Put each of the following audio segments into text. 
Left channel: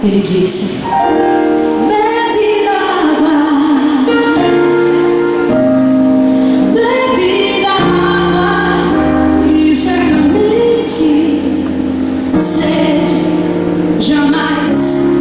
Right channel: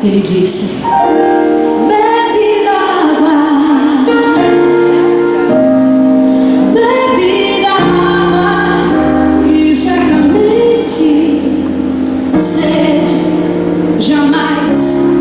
Ele disse: bebe d'água, e certamente sede jamais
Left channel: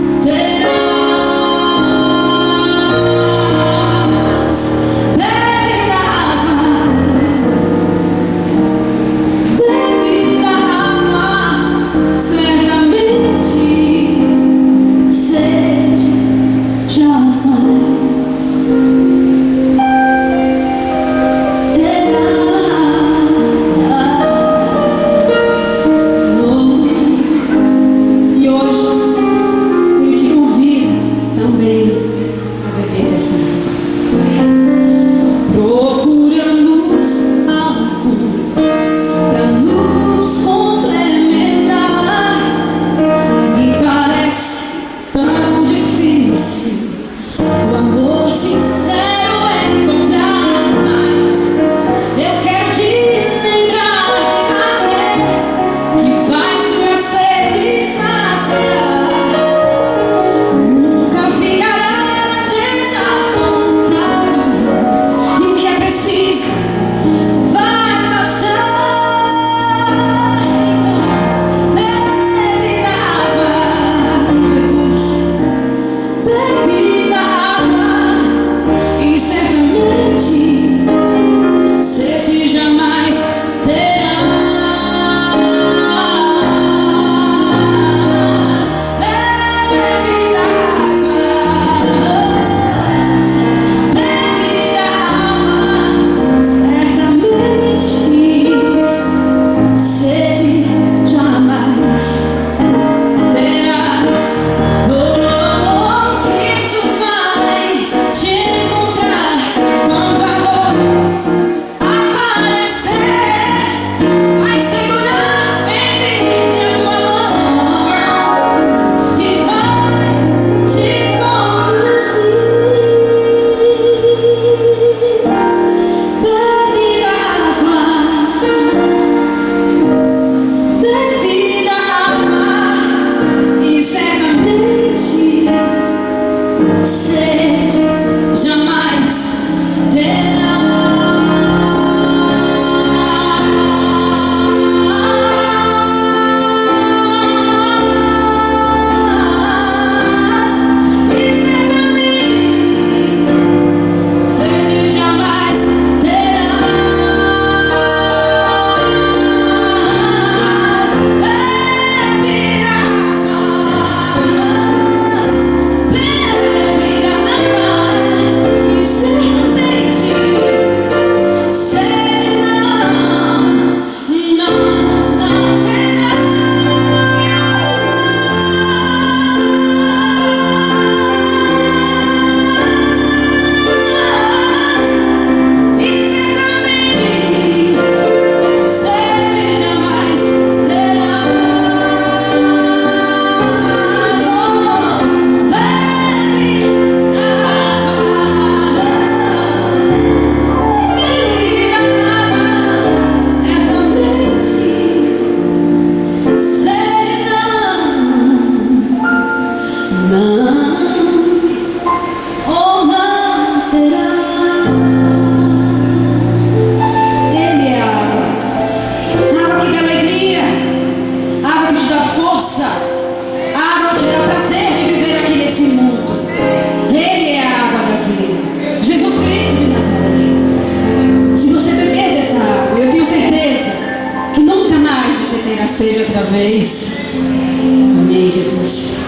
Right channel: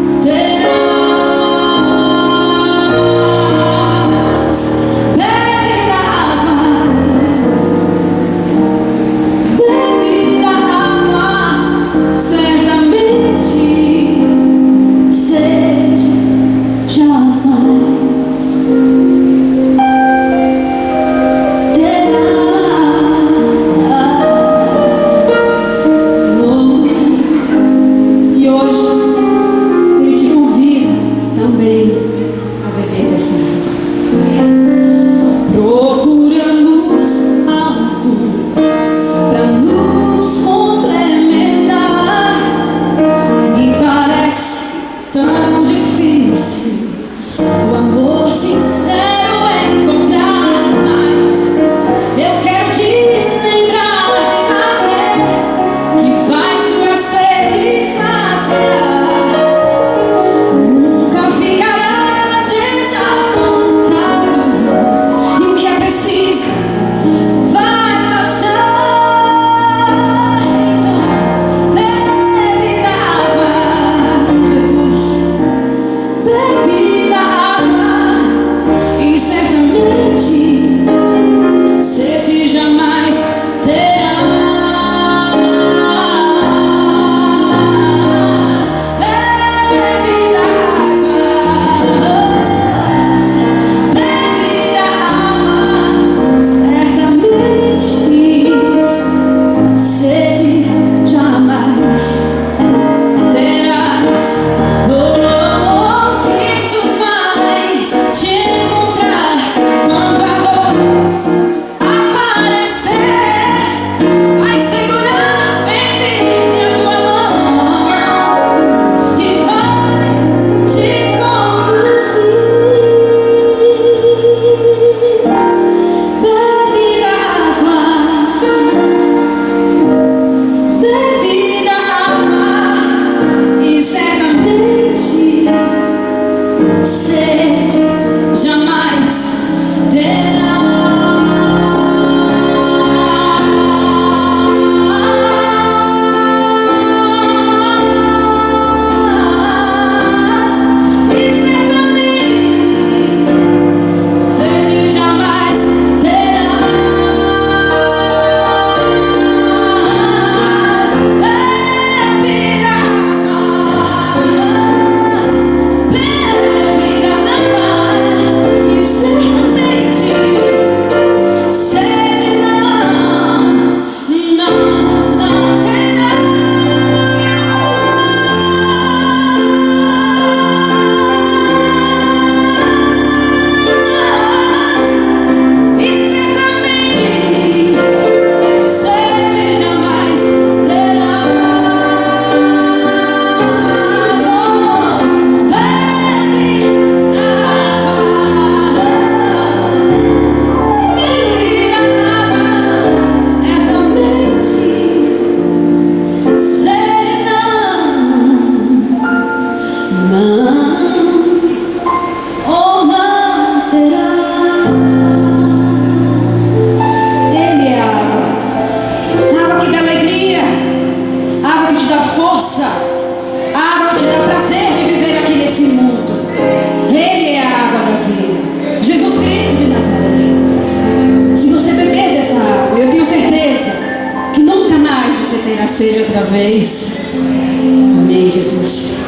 vez. Amém, Jesus.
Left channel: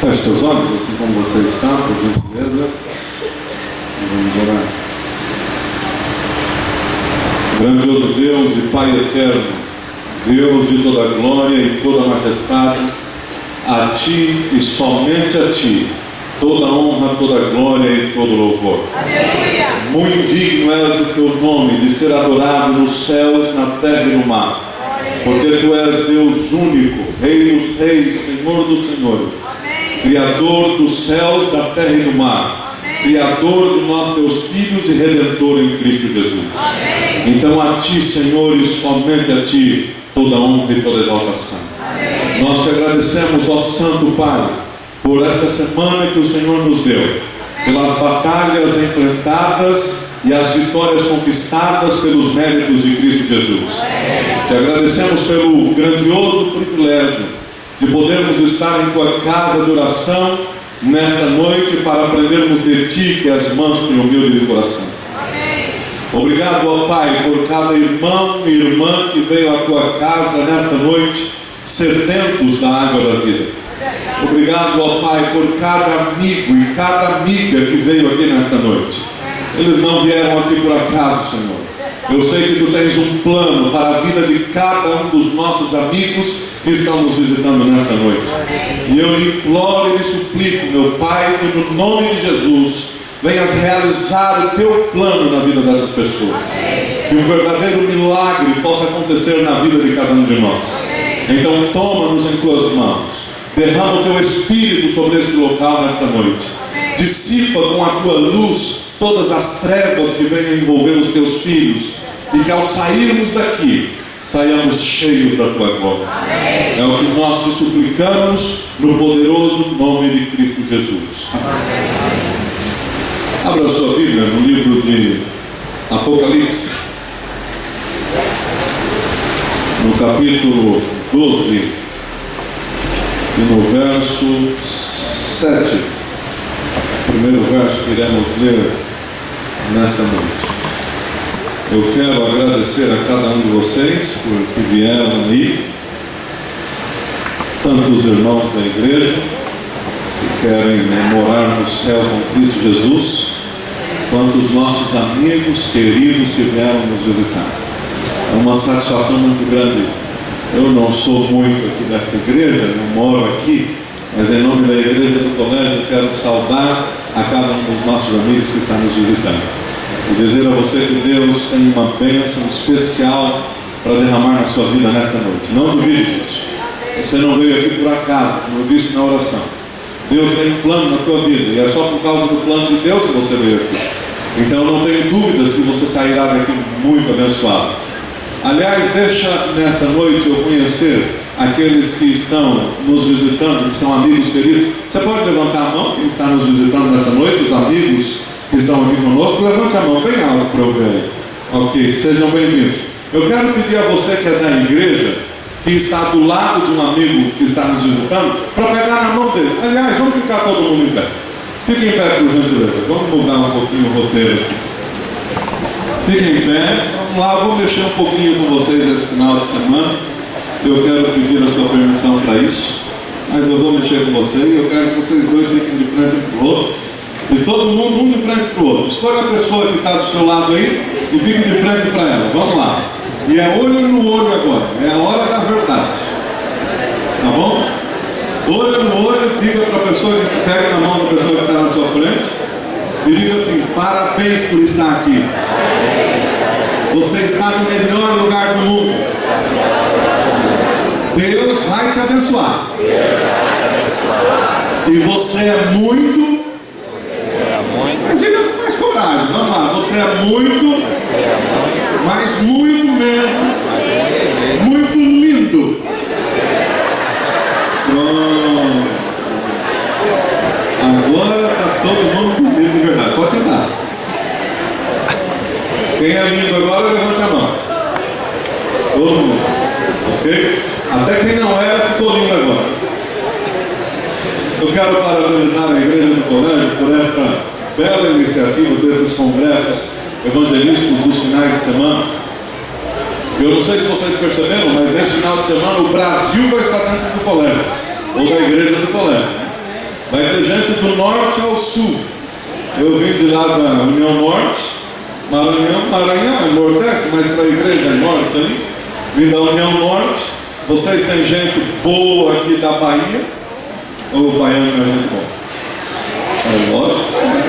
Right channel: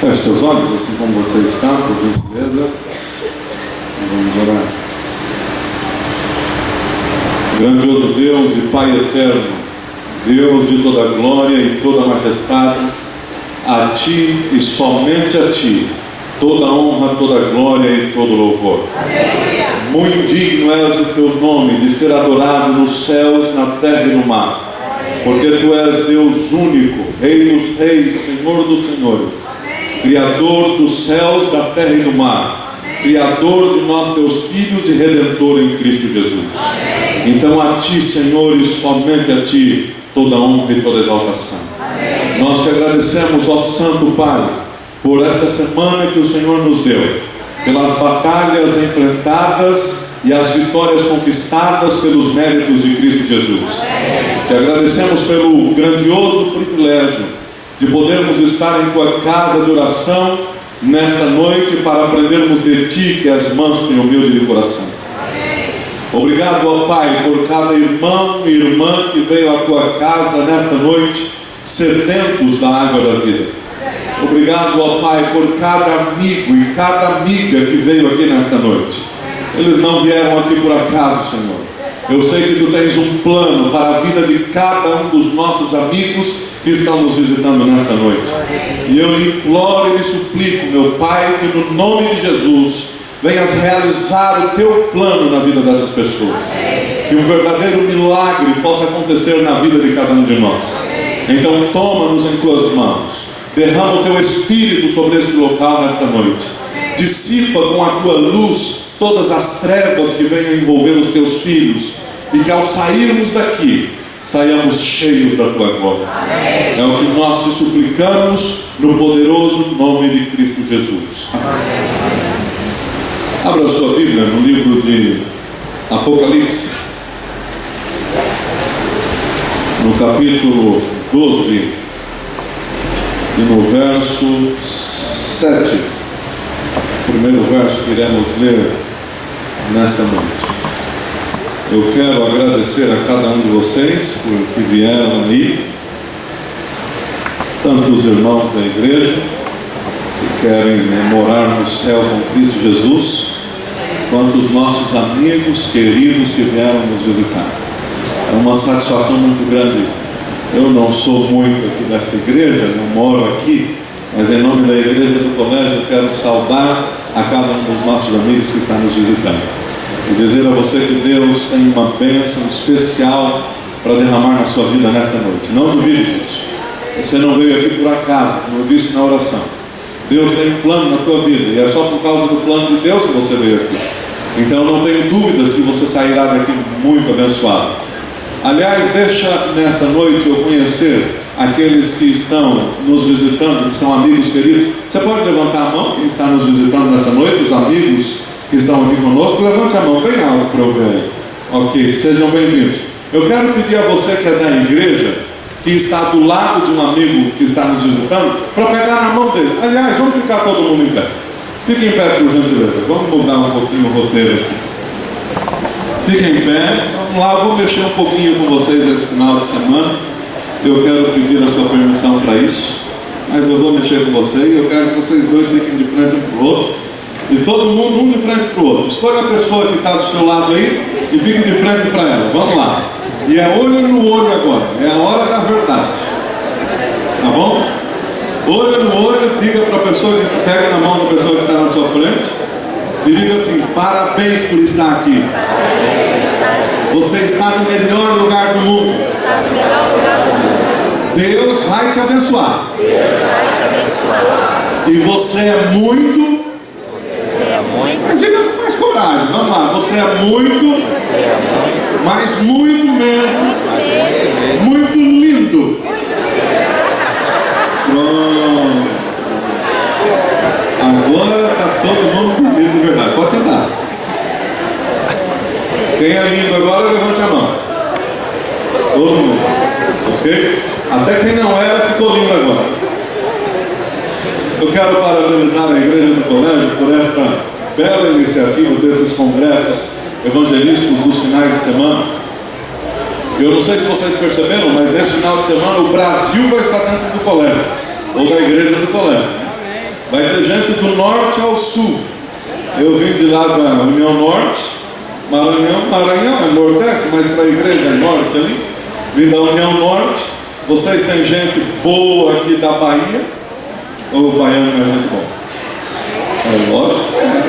Feche seus olhos, assim como você está, por gentileza. Vamos orar. Grandioso Deus e Pai eterno, Deus de toda glória e toda majestade, a Ti e somente a Ti toda honra, toda glória e todo louvor. Aleluia. Muito digno és o Teu nome de ser adorado nos céus, na terra e no mar, porque Tu és Deus único, Rei dos reis, Senhor dos senhores, Criador dos céus, da terra e do mar, Criador de nós, Teus filhos, e Redentor em Cristo Jesus. Então a Ti, Senhor, e somente a Ti toda honra e toda exaltação. Nós Te agradecemos, ó Santo Pai, por esta semana que o Senhor nos deu, pelas batalhas enfrentadas e as vitórias conquistadas pelos méritos de Cristo Jesus. Te agradecemos pelo grandioso privilégio de podermos estar em Tua casa de oração nesta noite para aprendermos de Ti, que és manso e humilde de coração. Obrigado, ó Pai, por cada irmão e irmã que veio à Tua casa nesta noite, sedentos da água da vida. Obrigado, ó Pai, por cada amigo e cada amiga que veio aqui nesta noite. Eles não vieram aqui por acaso, Senhor. Eu sei que Tu tens um plano para a vida de cada um dos nossos amigos que estão nos visitando nesta noite. E eu lhe imploro e lhe suplico, meu Pai, que no nome de Jesus venhas realizar o Teu plano na vida dessas pessoas. Que um verdadeiro milagre possa acontecer na vida de cada um de nós. Então toma-nos em Tuas mãos. Derrama o Teu Espírito sobre este local nesta noite. Dissipa com a Tua luz todas as trevas que venham envolver os Teus filhos. E que ao sairmos daqui, saiamos cheios da Tua glória. É o que nós te suplicamos no poderoso nome de Cristo Jesus. Abra a sua Bíblia no livro de Apocalipse, no capítulo 12, e no verso 7, o primeiro verso que iremos ler nesta noite. Eu quero agradecer a cada um de vocês por que vieram aí, tanto os irmãos da igreja que querem morar no céu com Cristo Jesus, quanto os nossos amigos queridos que vieram nos visitar. É uma satisfação muito grande. Eu não sou muito aqui dessa igreja, não moro aqui, mas em nome da igreja do colégio eu quero saudar a cada um dos nossos amigos que estão nos visitando e dizer a você que Deus tem uma bênção especial para derramar na sua vida nesta noite. Não duvide disso. Você não veio aqui por acaso, como eu disse na oração. Deus tem um plano na tua vida, e é só por causa do plano de Deus que você veio aqui. Então não tenho dúvidas que você sairá daqui muito abençoado. Aliás, deixa nessa noite eu conhecer aqueles que estão nos visitando, que são amigos queridos. Você pode levantar a mão, quem está nos visitando nessa noite, os amigos que estão aqui conosco. Levante a mão bem alto para eu ver aí. Ok, sejam bem-vindos. Eu quero pedir a você que é da igreja, que está do lado de um amigo que está nos visitando, para pegar na mão dele. Aliás, vamos ficar todo mundo em pé. Fiquem em pé, por gentileza. Vamos mudar um pouquinho o roteiro aqui. Fiquem em pé. Vamos lá, eu vou mexer um pouquinho com vocês esse final de semana. Eu quero pedir a sua permissão para isso, mas eu vou mexer com você e eu quero que vocês dois fiquem de frente um para o outro. E todo mundo um de frente para o outro. Escolha a pessoa que está do seu lado aí e fique de frente para ela. Vamos lá. E é olho no olho agora. É a hora da verdade. Tá bom? Olho no olho, diga para a pessoa que está, pega na mão da pessoa que está na sua frente e diga assim: parabéns por estar aqui. Você está no melhor lugar do mundo. Deus vai te abençoar. E você é muito. Mas diga com mais coragem. Vamos lá. Você é muito. Mas muito mesmo. Muito lindo. Pronto. Agora está todo mundo bonito de verdade. Pode sentar. Quem é lindo agora, levante a mão. Todo mundo. Ok? Até quem não era, ficou lindo agora. Eu quero parabenizar a igreja do colégio por esta bela iniciativa desses congressos evangelísticos dos finais de semana. Eu não sei se vocês perceberam, mas nesse final de semana o Brasil vai estar dentro do colégio, ou da igreja do colégio. Vai ter gente do norte ao sul. Eu vim de lá da União Norte, Maranhão é Nordeste, mas para a igreja é Norte ali. Vim da União Norte. Vocês têm gente boa aqui da Bahia, ou o baiano é gente boa? É lógico,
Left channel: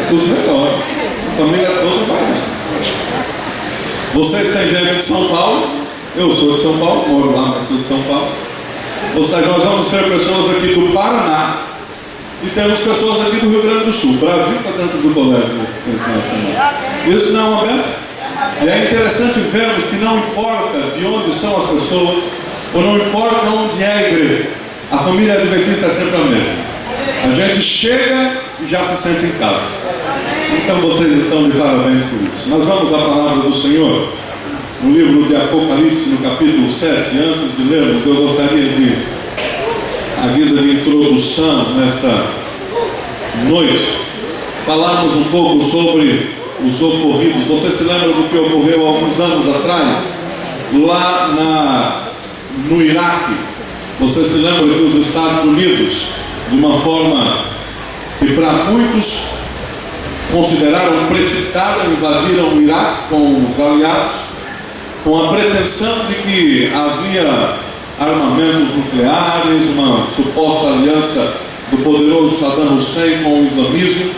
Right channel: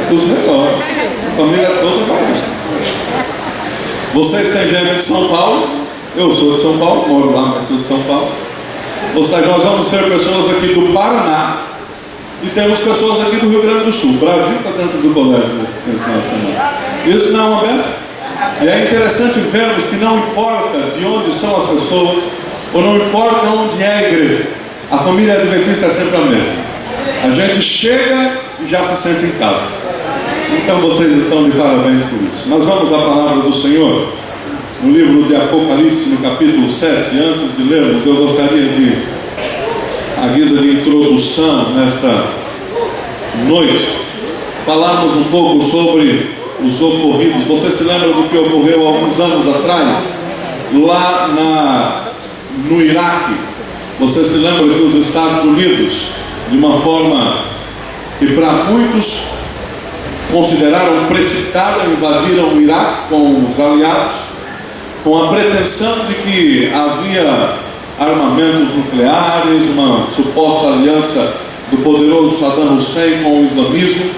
dos melhores. A família toda baiana. Vocês têm gente de São Paulo, eu sou de São Paulo, moro lá, mas sou de São Paulo. Ou seja, nós vamos ter pessoas aqui do Paraná e temos pessoas aqui do Rio Grande do Sul. O Brasil está dentro do colégio nesse final de semana. Isso não é uma benção? E é interessante vermos que não importa de onde são as pessoas, ou não importa onde é a igreja, a família adventista é sempre a mesma. A gente chega e já se sente em casa. Então vocês estão de parabéns por isso. Nós vamos à palavra do Senhor no livro de Apocalipse, no capítulo 7. Antes de lermos, eu gostaria de, à guisa de introdução nesta noite, falarmos um pouco sobre os ocorridos. Você se lembra do que ocorreu há alguns anos atrás, lá no Iraque? Você se lembra que os Estados Unidos, de uma forma que para muitos consideraram precipitada, invadiram o Iraque com os aliados, com a pretensão de que havia armamentos nucleares, uma suposta aliança do poderoso Saddam Hussein com o islamismo.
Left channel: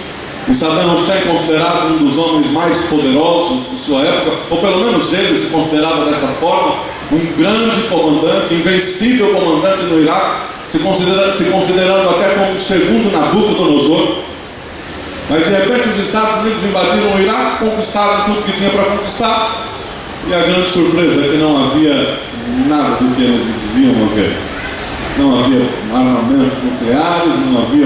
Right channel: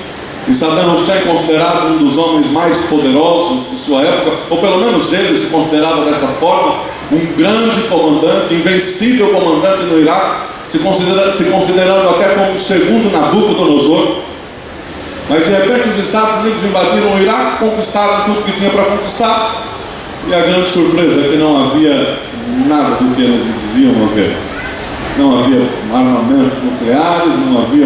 E Saddam Hussein, considerado um dos homens mais poderosos de sua época, ou pelo menos ele se considerava dessa forma, um grande comandante, invencível comandante no Iraque, se considerando até como o segundo Nabucodonosor. Mas de repente os Estados Unidos invadiram o Iraque, conquistaram tudo que tinha para conquistar, e a grande surpresa é que não havia nada do que eles diziam haver. Não havia armamentos nucleares, não havia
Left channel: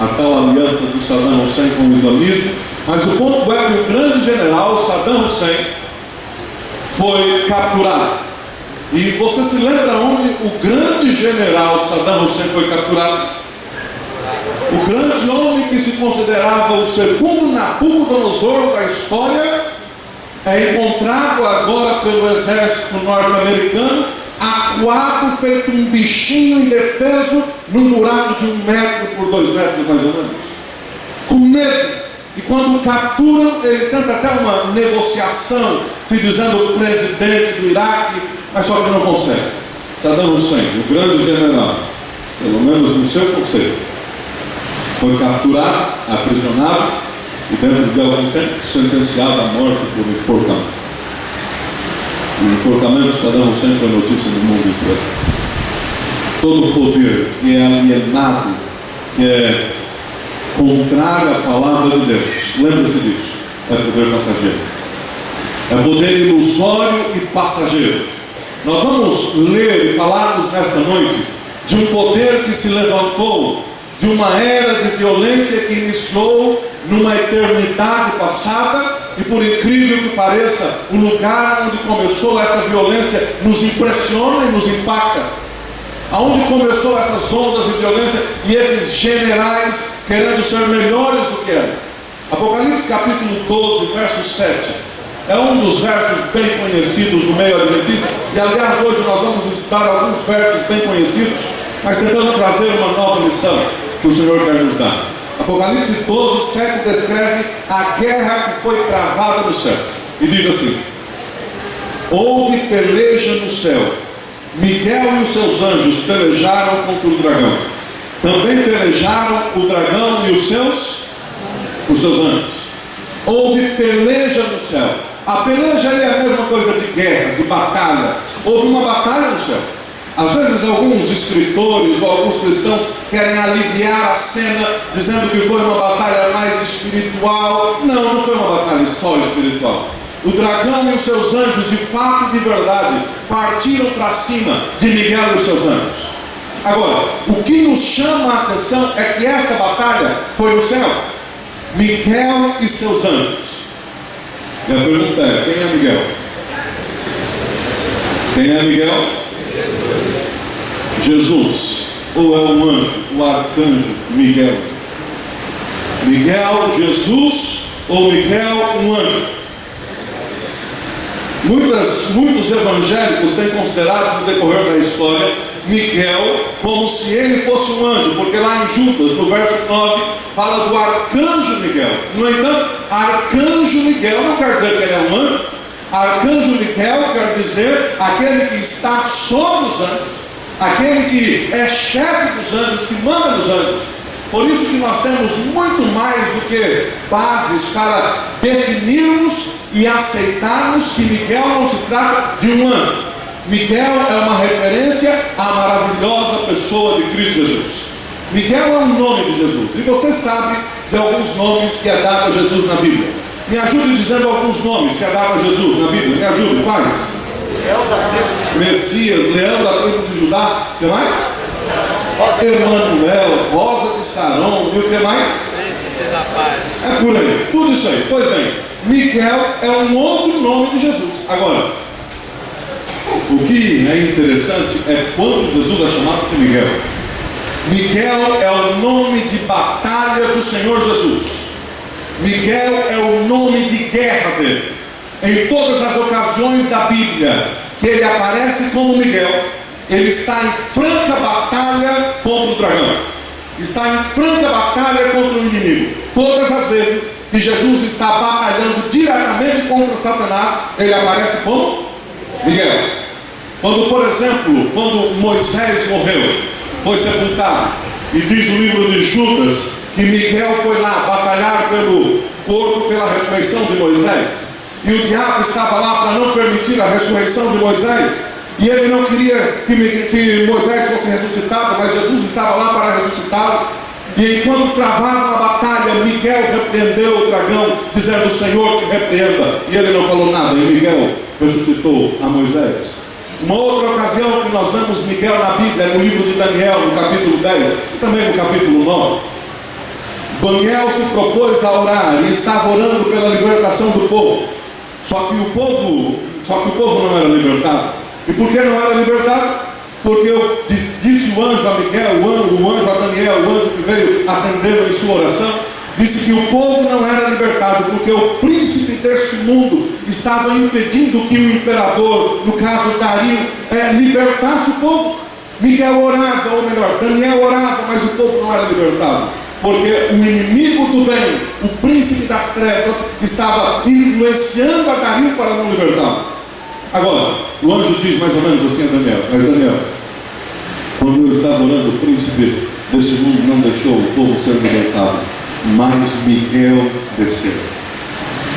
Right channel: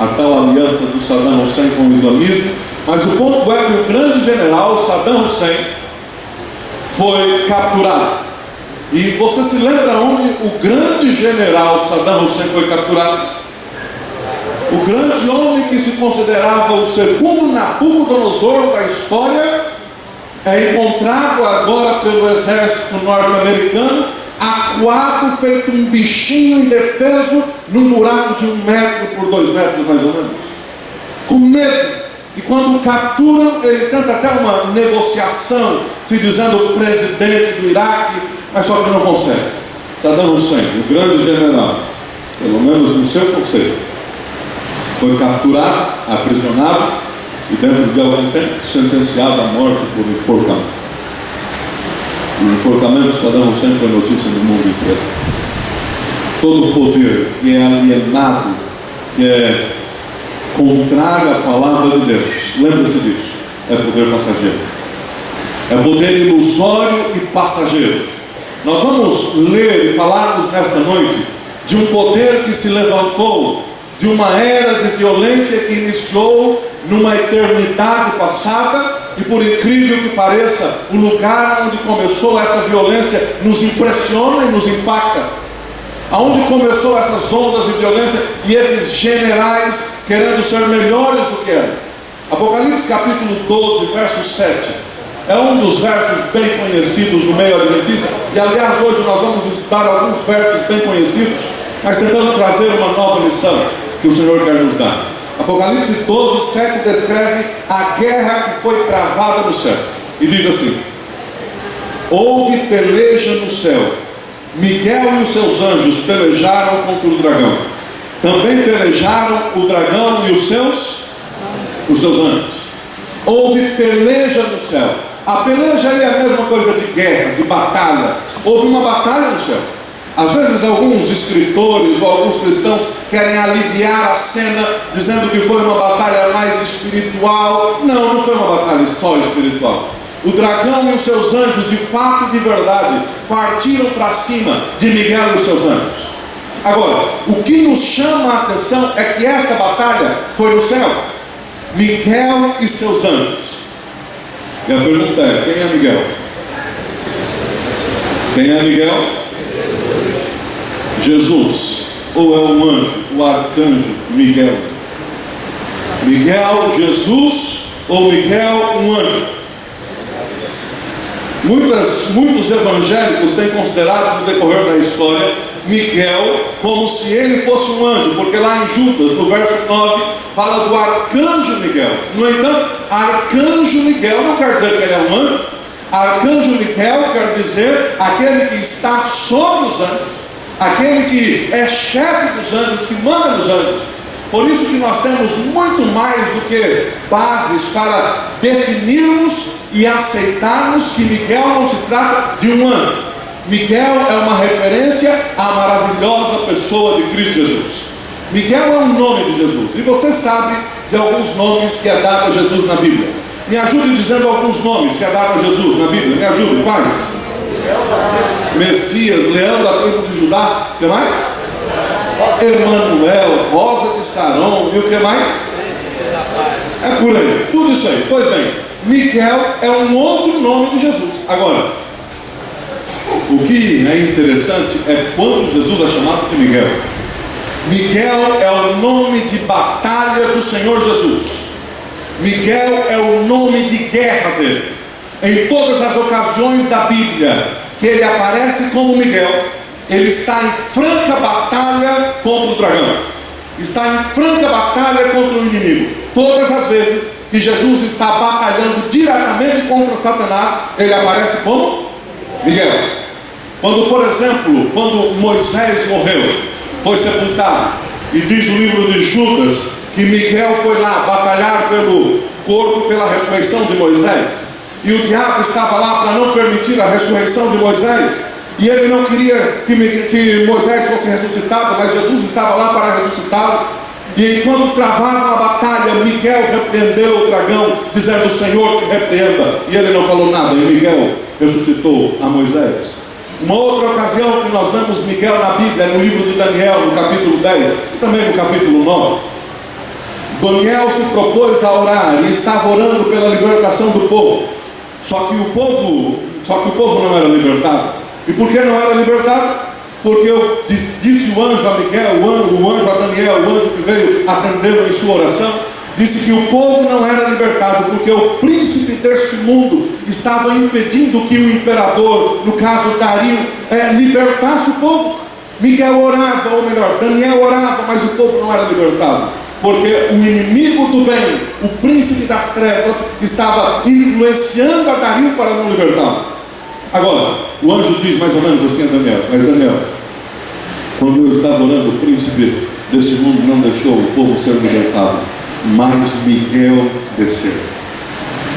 a tal aliança do Saddam Hussein com o islamismo. Mas o ponto é que o grande general Saddam Hussein foi capturado. E você se lembra onde o grande general Saddam Hussein foi capturado? O grande homem que se considerava o segundo Nabucodonosor da história é encontrado agora pelo exército norte-americano, acuado, feito um bichinho indefeso, num buraco de 1 metro por 2 metros mais ou menos, com medo. E quando o capturam, ele tenta até uma negociação, se dizendo o presidente do Iraque, mas só que não consegue. Saddam Hussein, o grande general, pelo menos no seu conceito, foi capturado, aprisionado e dentro de algum tempo sentenciado à morte por enforcamento. O enforcamento de Saddam Hussein foi notícia no mundo inteiro. Todo poder que é alienado, que é contrário à palavra de Deus, lembre-se disso, é poder passageiro. É poder ilusório e passageiro. Nós vamos ler e falarmos nesta noite de um poder que se levantou de uma era de violência que iniciou numa eternidade passada, e por incrível que pareça, o lugar onde começou essa violência nos impressiona e nos impacta. Aonde começou essas ondas de violência e esses generais querendo ser melhores do que eram. Apocalipse capítulo 12, verso 7. É um dos versos bem conhecidos no meio adventista. E aliás, hoje nós vamos estudar alguns versos bem conhecidos, mas tentando trazer uma nova lição que o Senhor quer nos dar. Apocalipse 12, 7 descreve a guerra que foi travada no céu. E diz assim: houve peleja no céu. Miguel e os seus anjos pelejaram contra o dragão. Também pelejaram o dragão e os seus anjos. Houve peleja no céu. A peleja é a mesma coisa de guerra, de batalha. Houve uma batalha no céu. Às vezes alguns escritores ou alguns cristãos querem aliviar a cena, dizendo que foi uma batalha mais espiritual. Não, não foi uma batalha só espiritual. O dragão e os seus anjos, de fato e de verdade, partiram para cima de Miguel e os seus anjos. Agora, o que nos chama a atenção é que esta batalha foi no céu. Miguel e seus anjos. E a pergunta é: quem é Miguel? Quem é Miguel? Jesus. Ou é um anjo, o arcanjo Miguel? Miguel, Jesus, ou Miguel, um anjo? Muitos evangélicos têm considerado no decorrer da história Miguel como se ele fosse um anjo, porque lá em Judas, no verso 9, fala do arcanjo Miguel. No entanto, arcanjo Miguel não quer dizer que ele é um anjo. Arcanjo Miguel quer dizer aquele que está sobre os anjos, aquele que é chefe dos anjos, que manda nos anjos. Por isso que nós temos muito mais do que bases para definirmos e aceitarmos que Miguel não se trata de um anjo. Miguel é uma referência à maravilhosa pessoa de Cristo Jesus. Miguel é um nome de Jesus. E você sabe de alguns nomes que é dado a Jesus na Bíblia. Me ajude dizendo alguns nomes que é dado a Jesus na Bíblia. Me ajude, quais? Messias, Leão da tribo de Judá. O que mais? Emanuel, Rosa de Saron. E o que mais? É por aí, tudo isso aí. Pois bem, Miguel é um outro nome de Jesus. Agora, o que é interessante é quando Jesus é chamado de Miguel. Miguel é o nome de batalha do Senhor Jesus. Miguel é o nome de guerra dele. Em todas as ocasiões da Bíblia que ele aparece como Miguel, ele está em franca batalha contra o dragão, está em franca batalha contra o inimigo. Todas as vezes que Jesus está batalhando diretamente contra Satanás, ele aparece como Miguel. Quando, por exemplo, quando Moisés morreu, foi sepultado, e diz o livro de Judas que Miguel foi lá batalhar pelo corpo, pela ressurreição de Moisés, e o diabo estava lá para não permitir a ressurreição de Moisés, e ele não queria que Moisés fosse ressuscitado, mas Jesus estava lá para ressuscitá-lo. E enquanto travava a batalha, Miguel repreendeu o dragão, dizendo: o Senhor te repreenda. E ele não falou nada, e Miguel ressuscitou a Moisés. Uma outra ocasião que nós vemos Miguel na Bíblia é no livro de Daniel, no capítulo 10, e também no capítulo 9. Daniel se propôs a orar e estava orando pela libertação do povo. Só que o povo não era libertado. E por que não era libertado? Porque disse o anjo a Miguel, o anjo a Daniel, o anjo que veio atendê-lo em sua oração, disse que o povo não era libertado, porque o príncipe deste mundo estava impedindo que o imperador, no caso Dario, libertasse o povo. Miguel orava, ou melhor, Daniel orava, mas o povo não era libertado, porque o inimigo do bem, o príncipe das trevas, estava influenciando a Dario para não libertá-lo. Agora, o anjo diz mais ou menos assim a Daniel: mas Daniel, quando eu estava orando, o príncipe desse mundo não deixou o povo ser libertado, mas Miguel desceu.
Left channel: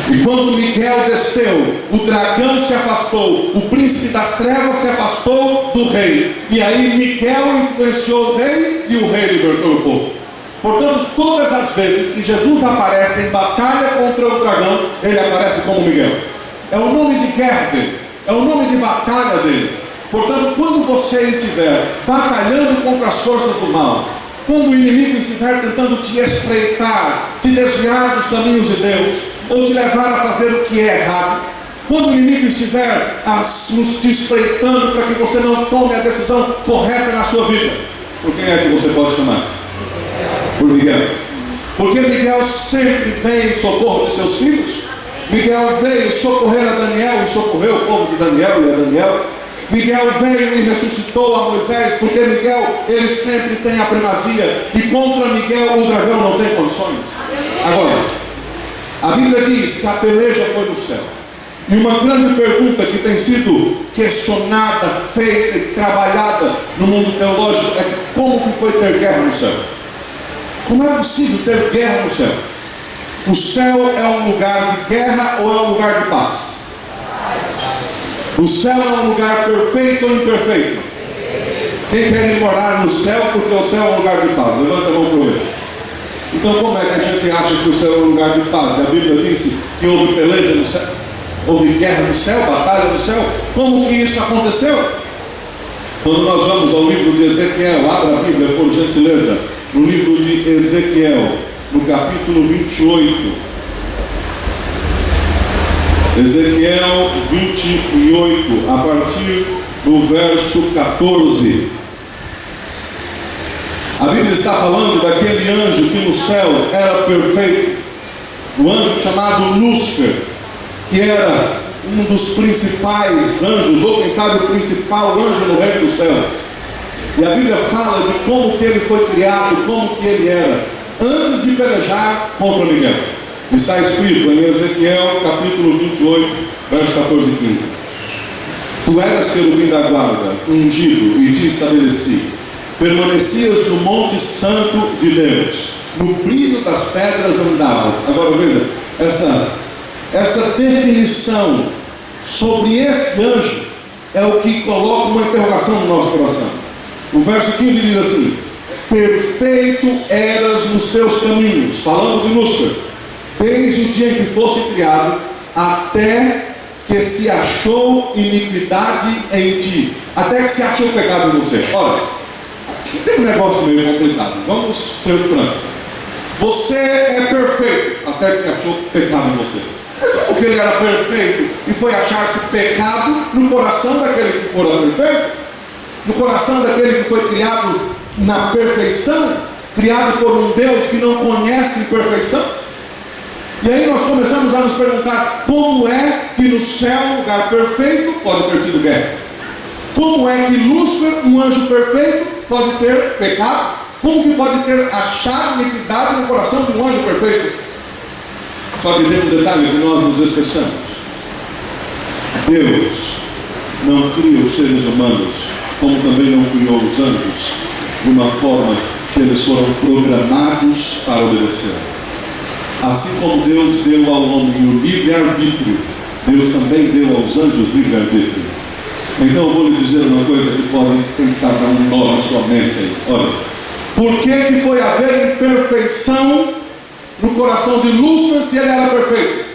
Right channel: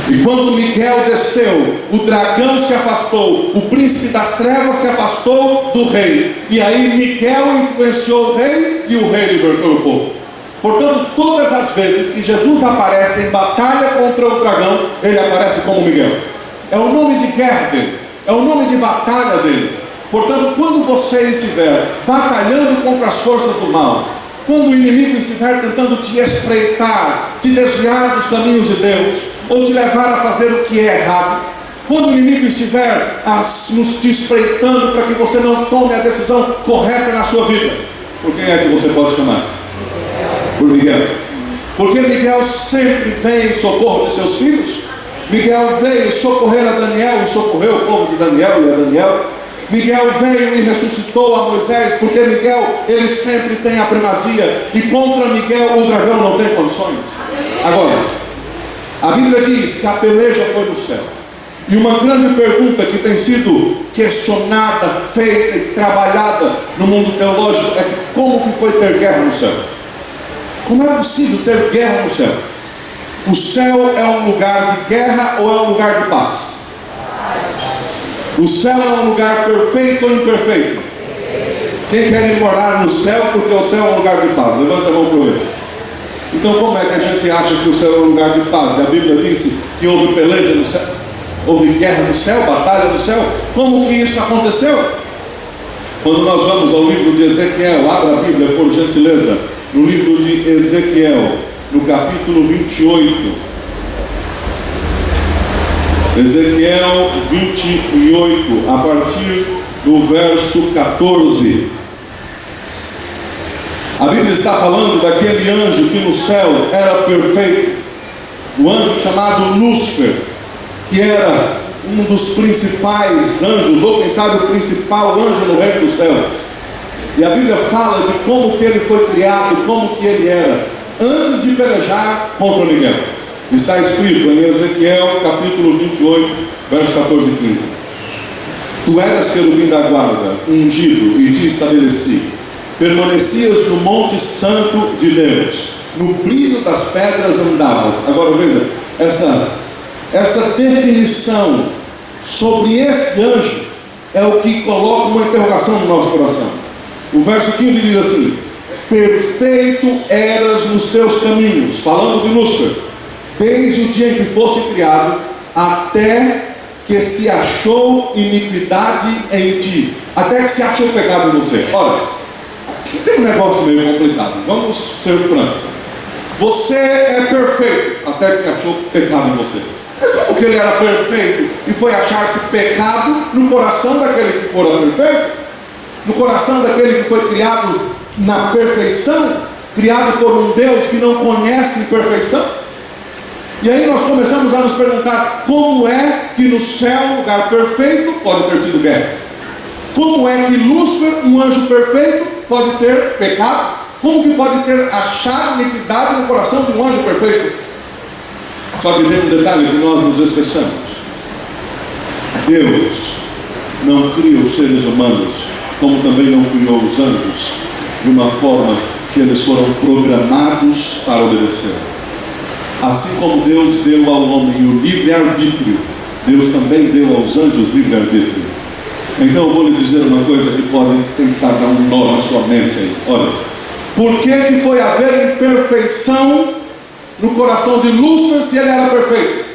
E quando Miguel desceu, o dragão se afastou, o príncipe das trevas se afastou do rei, e aí Miguel influenciou o rei, e o rei libertou o povo. Portanto, todas as vezes que Jesus aparece em batalha contra o dragão, ele aparece como Miguel. É o nome de guerra dele, é o nome de batalha dele. Portanto, quando você estiver batalhando contra as forças do mal, quando o inimigo estiver tentando te espreitar, te desviar dos caminhos de Deus, ou te levar a fazer o que é errado, quando o inimigo estiver te espreitando para que você não tome a decisão correta na sua vida, por quem é que você pode chamar? Por Miguel. Porque Miguel sempre vem em socorro de seus filhos. Miguel veio socorrer a Daniel e socorreu o povo de Daniel e a Daniel. Miguel veio e ressuscitou a Moisés, porque Miguel, ele sempre tem a primazia, e contra Miguel o dragão não tem condições. Agora, a Bíblia diz que a peleja foi no céu. E uma grande pergunta que tem sido questionada, feita e trabalhada no mundo teológico é: como que foi ter guerra no céu? Como é possível ter guerra no céu? O céu é um lugar de guerra ou é um lugar de paz? O céu é um lugar perfeito ou imperfeito? Quem quer ir morar no céu porque o céu é um lugar de paz? Levanta a mão para eu ver. Então como é que a gente acha que o céu é um lugar de paz? A Bíblia disse que houve peleja no céu, houve guerra no céu, batalha no céu. Como que isso aconteceu? Quando nós vamos ao livro de Ezequiel, abra a Bíblia por gentileza, no livro de Ezequiel, no capítulo 28. Ezequiel 28, a partir do verso 14. A Bíblia está falando daquele anjo que no céu era perfeito, o anjo chamado Lúcifer, que era um dos principais anjos, ou quem sabe o principal anjo no reino dos céus. E a Bíblia fala de como que ele foi criado, como que ele era, antes de pelejar contra Miguel. Está escrito em Ezequiel capítulo 28, versos 14 e 15. Tu eras querubim da guarda, ungido, e te estabeleci. Permanecias no monte santo de Deus, no brilho das pedras andavas. Agora veja, essa definição sobre esse anjo é o que coloca uma interrogação no nosso coração. O verso 15 diz assim: perfeito eras nos teus caminhos, falando de Lúcifer, desde o dia em que fosse criado, até que se achou iniquidade em ti, até que se achou pecado em você. Olha, tem um negócio meio complicado, vamos ser francos. Você é perfeito, até que achou pecado em você. Mas como que ele era perfeito e foi achar-se pecado no coração daquele que fora perfeito? No coração daquele que foi criado na perfeição, criado por um Deus que não conhece perfeição? E aí nós começamos a nos perguntar: como é que no céu, lugar perfeito, pode ter tido guerra? Como é que Lúcifer, um anjo perfeito, pode ter pecado? Como que pode ter achado iniquidade no coração de um anjo perfeito? Só que tem um detalhe que nós nos esquecemos: Deus não cria os seres humanos, como também não criou os anjos, de uma forma que eles foram programados para obedecer. Assim como Deus deu ao homem o livre-arbítrio, Deus também deu aos anjos livre-arbítrio. Então eu vou lhe dizer uma coisa que pode tentar dar um nó na sua mente aí. Olha, por que foi haver imperfeição no coração de Lúcifer se ele era perfeito?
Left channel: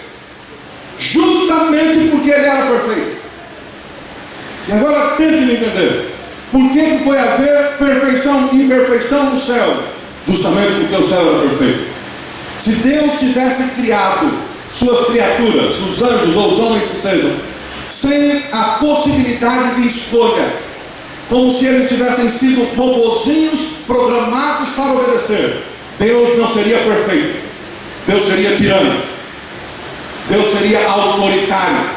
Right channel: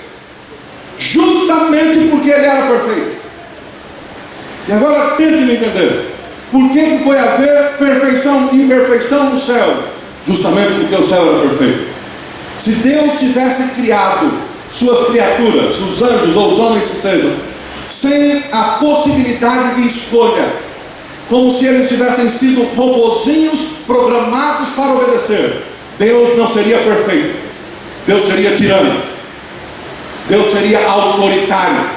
Justamente porque ele era perfeito. E agora tente me entender. Por que foi haver perfeição e imperfeição no céu? Justamente porque o céu era perfeito. Se Deus tivesse criado suas criaturas, os anjos ou os homens que sejam, sem a possibilidade de escolha, como se eles tivessem sido robozinhos programados para obedecer, Deus não seria perfeito. Deus seria tirano. Deus seria autoritário.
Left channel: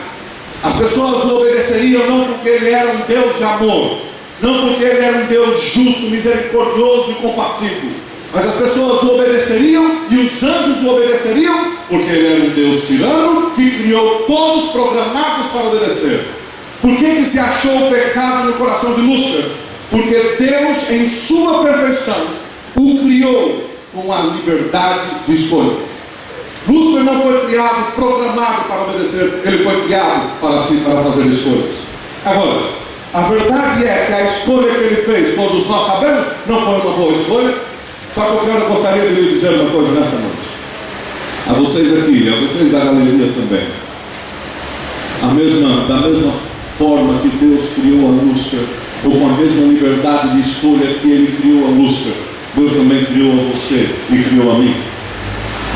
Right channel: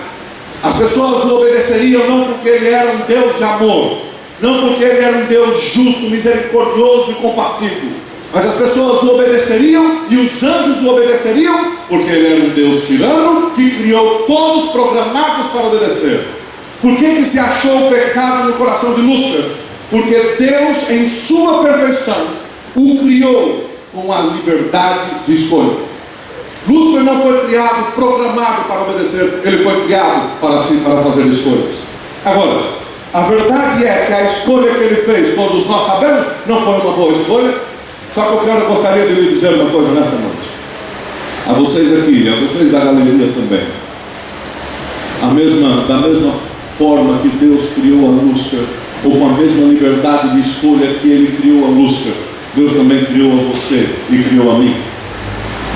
As pessoas o obedeceriam não porque ele era um Deus de amor, não porque ele era um Deus justo, misericordioso e compassivo, mas as pessoas o obedeceriam e os anjos o obedeceriam porque ele era um Deus tirano que criou todos programados para obedecer. Por que se achou o pecado no coração de Lúcifer? Porque Deus, em sua perfeição, o criou com a liberdade de escolha. Lúcifer não foi criado programado para obedecer, ele foi criado para fazer escolhas. Agora, a verdade é que a escolha que ele fez, todos nós sabemos, não foi uma boa escolha. Só que eu gostaria de lhe dizer uma coisa nessa noite, a vocês aqui, a vocês da galeria também. Da mesma forma que Deus criou a Lúcifer, ou com a mesma liberdade de escolha que ele criou a Lúcifer, Deus também criou a você e criou a mim.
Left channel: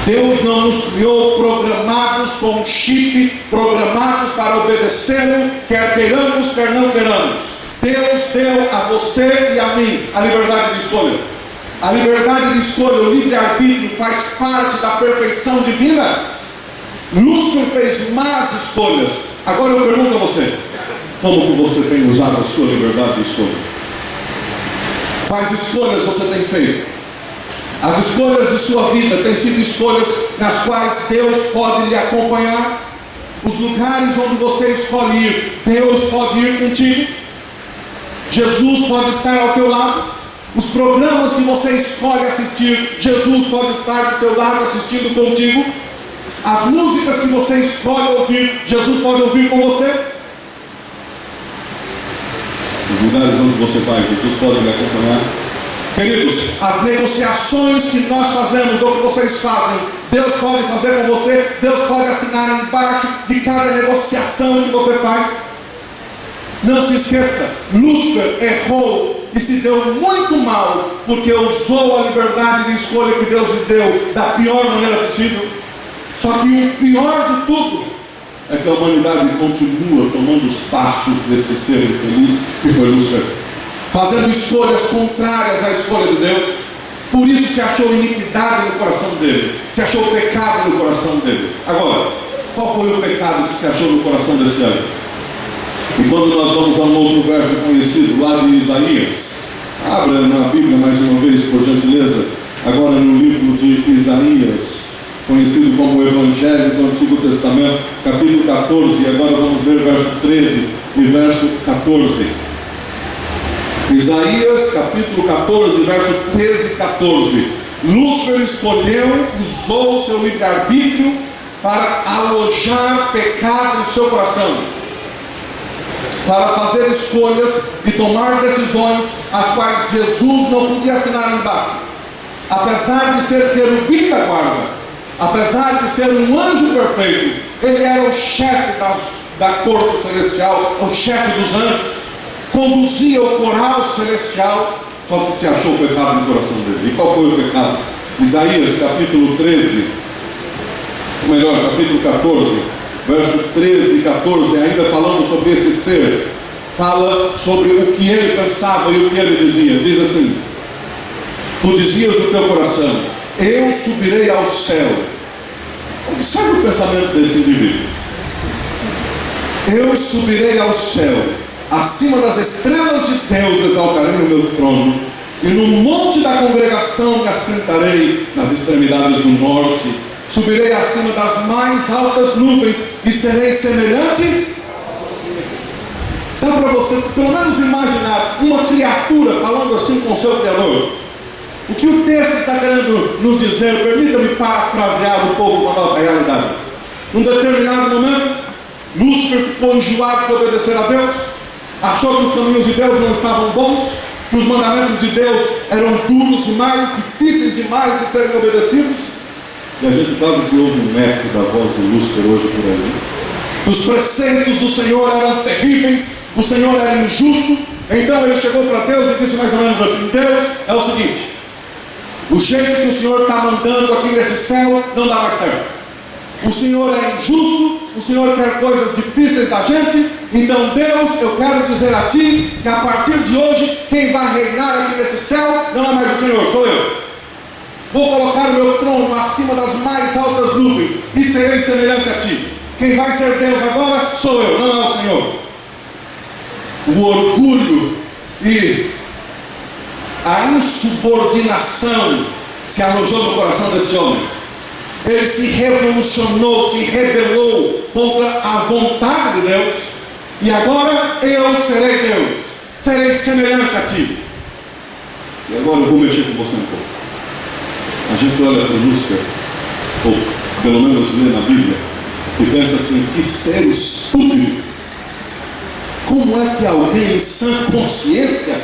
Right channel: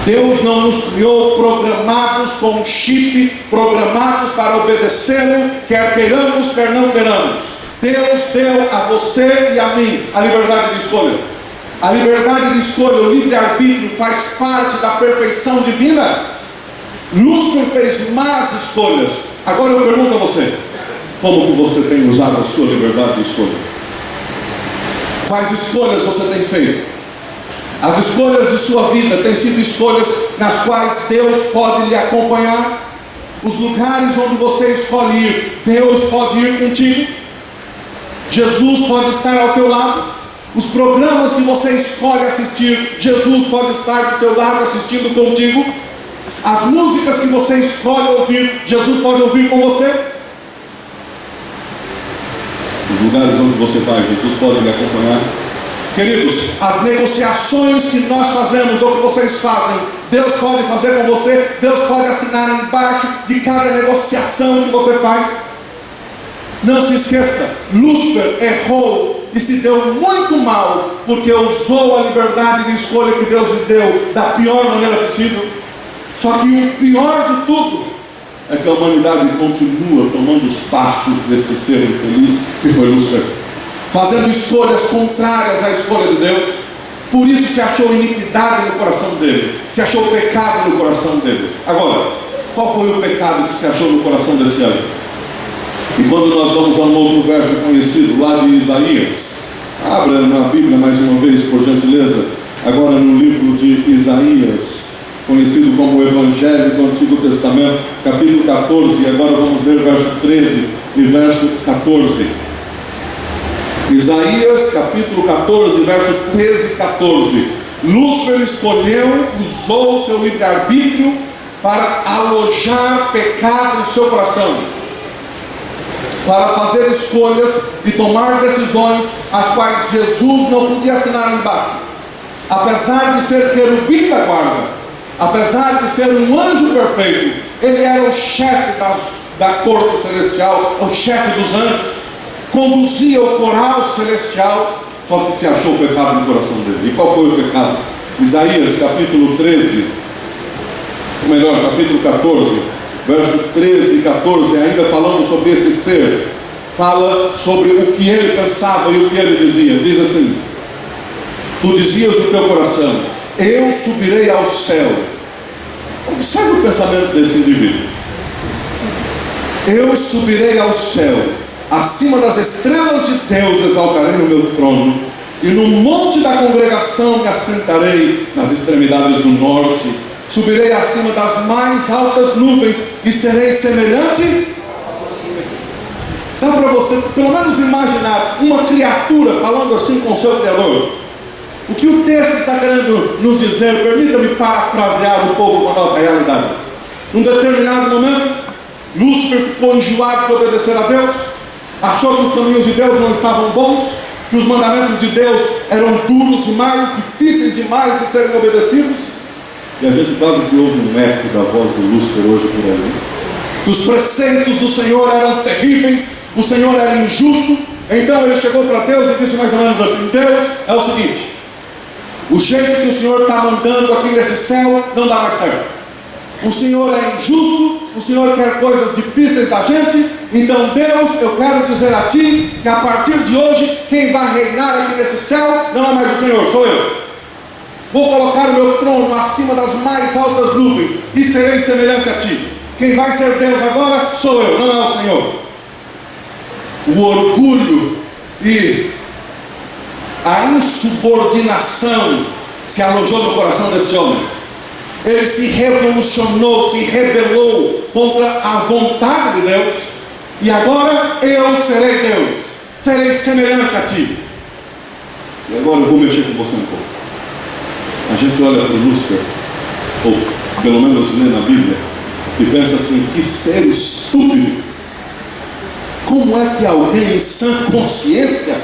Deus não nos criou programados com um chip, programados para obedecê-lo, quer queiramos, quer não queiramos. Deus deu a você e a mim a liberdade de escolha. A liberdade de escolha, o livre-arbítrio, faz parte da perfeição divina. Lúcifer fez más escolhas. Agora eu pergunto a você: como que você tem usado a sua liberdade de escolha? Quais escolhas você tem feito? As escolhas de sua vida têm sido escolhas nas quais Deus pode lhe acompanhar? Os lugares onde você escolhe ir, Deus pode ir contigo? Jesus pode estar ao teu lado? Os programas que você escolhe assistir, Jesus pode estar do teu lado assistindo contigo? As músicas que você escolhe ouvir, Jesus pode ouvir com você? Os lugares onde você vai, Jesus pode lhe acompanhar? Queridos, as negociações que nós fazemos ou que vocês fazem, Deus pode fazer com você. Deus pode assinar embaixo de cada negociação que você faz. Não se esqueça, Lúcifer errou e se deu muito mal porque usou a liberdade de escolha que Deus lhe deu da pior maneira possível. Só que o pior de tudo é que a humanidade continua tomando os passos desse ser infeliz que foi Lúcifer, fazendo escolhas contrárias à escolha de Deus. Por isso se achou iniquidade no coração dele, se achou pecado no coração dele. Agora, qual foi o pecado que se achou no coração desse homem? E quando nós vamos a um outro verso conhecido, lá de Isaías, abra na Bíblia mais uma vez, por gentileza, agora no livro de Isaías, conhecido como o Evangelho do Antigo Testamento, capítulo 14, e agora vamos ver verso 13 e verso 14. Isaías, capítulo 14, verso 13 e 14. Lúcifer escolheu, usou o seu livre-arbítrio para alojar pecado no seu coração, para fazer escolhas e tomar decisões as quais Jesus não podia assinar embaixo. Apesar de ser querubim da guarda, apesar de ser um anjo perfeito, ele era o chefe da corte celestial, o chefe dos anjos, conduzia o coral celestial, só que se achou pecado no coração dele. E qual foi o pecado? Isaías capítulo 13, ou melhor, capítulo 14, verso 13 e 14, ainda falando sobre esse ser, fala sobre o que ele pensava e o que ele dizia. Diz assim: tu dizias no teu coração, eu subirei ao céu. Observe o pensamento desse indivíduo. Eu subirei ao céu, acima das estrelas de Deus exaltarei o meu trono, e no monte da congregação me assentarei nas extremidades do norte. Subirei acima das mais altas nuvens e serei semelhante. Dá para você pelo menos imaginar uma criatura falando assim com o seu Criador? O que o texto está querendo nos dizer, permita-me parafrasear um pouco com a nossa realidade. Num determinado momento, Lúcifer ficou enjoado de obedecer a Deus, achou que os caminhos de Deus não estavam bons, que os mandamentos de Deus eram duros demais, difíceis demais de serem obedecidos. E a gente quase que ouve um eco da voz do Lúcifer hoje por aí. Os preceitos do Senhor eram terríveis, o Senhor era injusto. Então ele chegou para Deus e disse mais ou menos assim: Deus, é o seguinte, o jeito que o Senhor está mandando aqui nesse céu não dá mais certo. O Senhor é injusto, o Senhor quer coisas difíceis da gente. Então Deus, eu quero dizer a ti que a partir de hoje quem vai reinar aqui nesse céu não é mais o Senhor, sou eu. Vou colocar o meu trono acima das mais altas nuvens e serei semelhante a ti. Quem vai ser Deus agora sou eu, não é o Senhor. O orgulho e a insubordinação se alojou no coração desse homem. Ele se revolucionou, se rebelou contra a vontade de Deus. E agora eu serei Deus, serei semelhante a ti. E agora eu vou mexer com você um pouco. A gente olha para Lúcifer, ou pelo menos lê na Bíblia, e pensa assim: que ser estúpido. Como é que alguém em sã consciência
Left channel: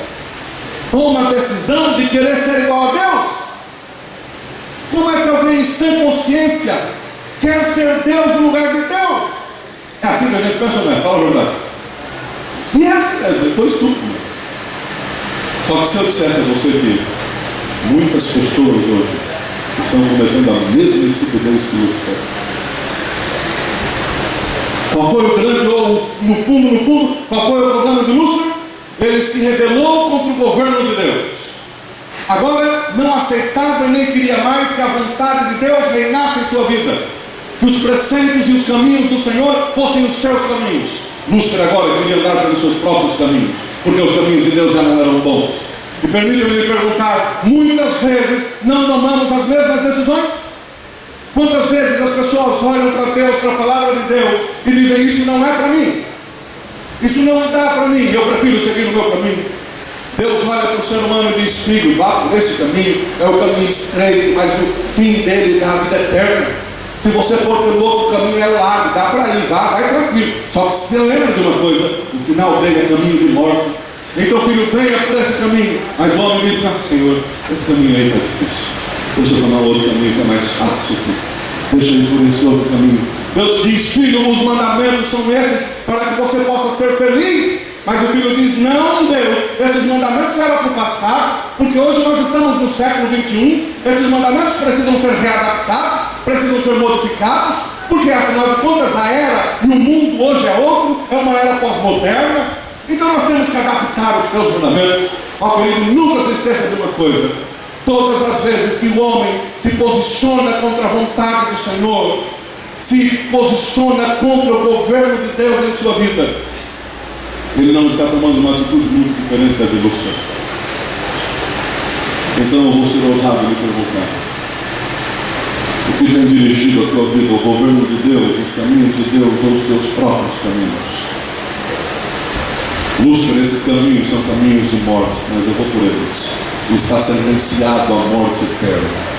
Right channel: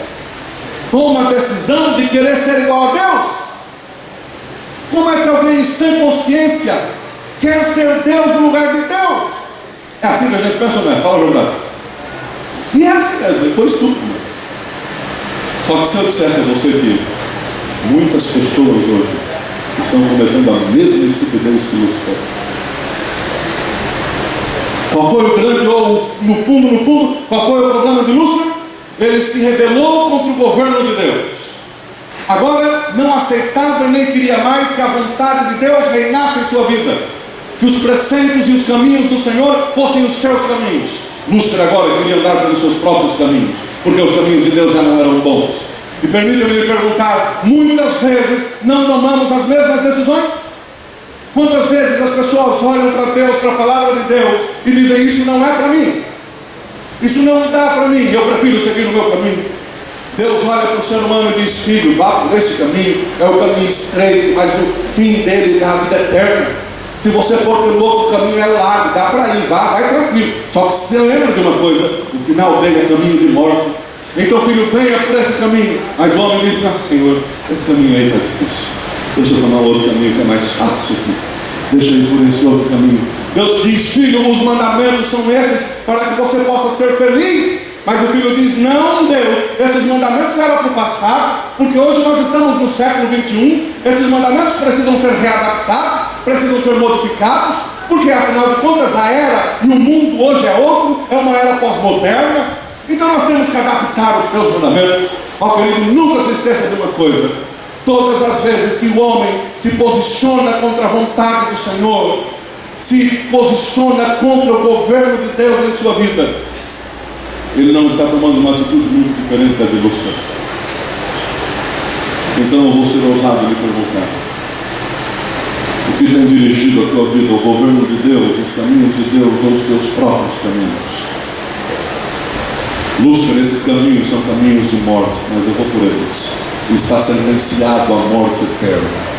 toma a decisão de querer ser igual a Deus? Como é que alguém em sã consciência quer ser Deus no lugar de Deus? É assim que a gente pensa, não é? Fala a verdade. E é assim mesmo, ele foi estúpido. Só que se eu dissesse a você que muitas pessoas hoje estão cometendo a mesma estupidez que Lúcifer. Qual foi o grande, ou no fundo, qual foi o problema de Lúcifer? Ele se rebelou contra o governo de Deus. Agora não aceitava e nem queria mais que a vontade de Deus reinasse em sua vida, que os preceitos e os caminhos do Senhor fossem os seus caminhos. Lúcifer agora queria andar pelos seus próprios caminhos, porque os caminhos de Deus já não eram bons. E permita-me lhe perguntar: muitas vezes não tomamos as mesmas decisões? Quantas vezes as pessoas olham para Deus, para a palavra de Deus, e dizem: isso não é para mim, isso não dá para mim, eu prefiro seguir o meu caminho. Deus olha para o ser humano e diz: filho, vá por esse caminho, é o caminho estreito, mas o fim dele dá a vida eterna. Se você for pelo outro caminho é largo, dá para ir, vai tranquilo. Só que se você lembra de uma coisa, o final dele é caminho de morte. Então, filho, venha por esse caminho. Mas o homem diz: não, Senhor, esse caminho aí está difícil, deixa eu tomar outro caminho que é mais fácil aqui. Deixa eu ir por esse outro caminho. Deus diz: filho, os mandamentos são esses para que você possa ser feliz. Mas o filho diz: não, Deus, esses mandamentos eram para o passado, porque hoje nós estamos no século 21. Esses mandamentos precisam ser readaptados, precisam ser modificados, porque afinal de contas a era e o mundo hoje é outro, é uma era pós-moderna. Então nós temos que adaptar os teus mandamentos. Ó querido, nunca se esqueça de uma coisa: todas as vezes que o homem se posiciona contra a vontade do Senhor, se posiciona contra o governo de Deus em sua vida, ele não está tomando uma atitude muito diferente da de Lúcifer. Então eu vou ser ousado de perguntar: o que tem dirigido a tua vida? O governo de Deus, os caminhos de Deus ou os teus próprios caminhos? Lúcifer, esses caminhos são caminhos de morte, mas eu vou por eles. Está sentenciado à morte eterna.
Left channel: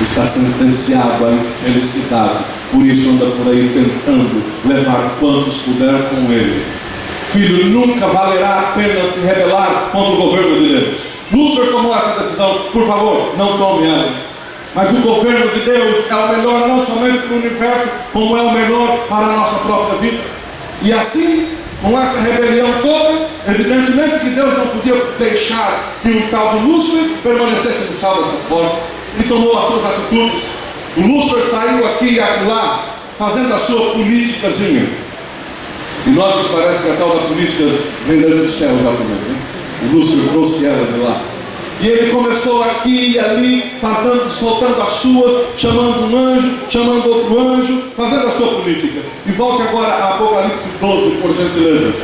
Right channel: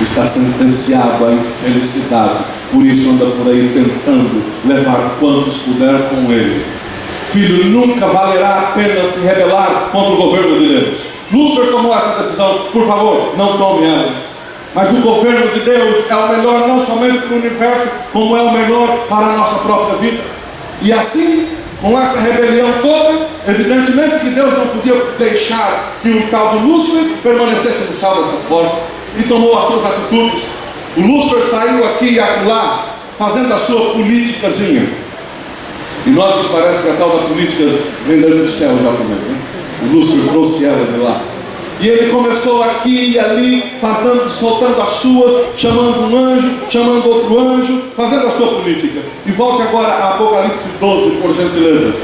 Está sentenciado à infelicidade. Por isso anda por aí tentando levar quantos puder com ele. Filho, nunca valerá a pena se rebelar contra o governo de Deus. Lúcifer tomou essa decisão. Por favor, não tome ela. Mas o governo de Deus é o melhor não somente para o universo, como é o melhor para a nossa própria vida. E assim, com essa rebelião toda, evidentemente que Deus não podia deixar que um tal de Lúcifer permanecesse no céu dessa forma, e tomou as suas atitudes. O Lúcifer saiu aqui e acolá, fazendo a sua politicazinha. E note que parece que a tal da política vem do céu exatamente, né? O Lúcifer trouxe ela de lá. E ele começou aqui e ali, soltando as suas, chamando um anjo, chamando outro anjo, fazendo a sua política. E volte agora a Apocalipse 12, por gentileza.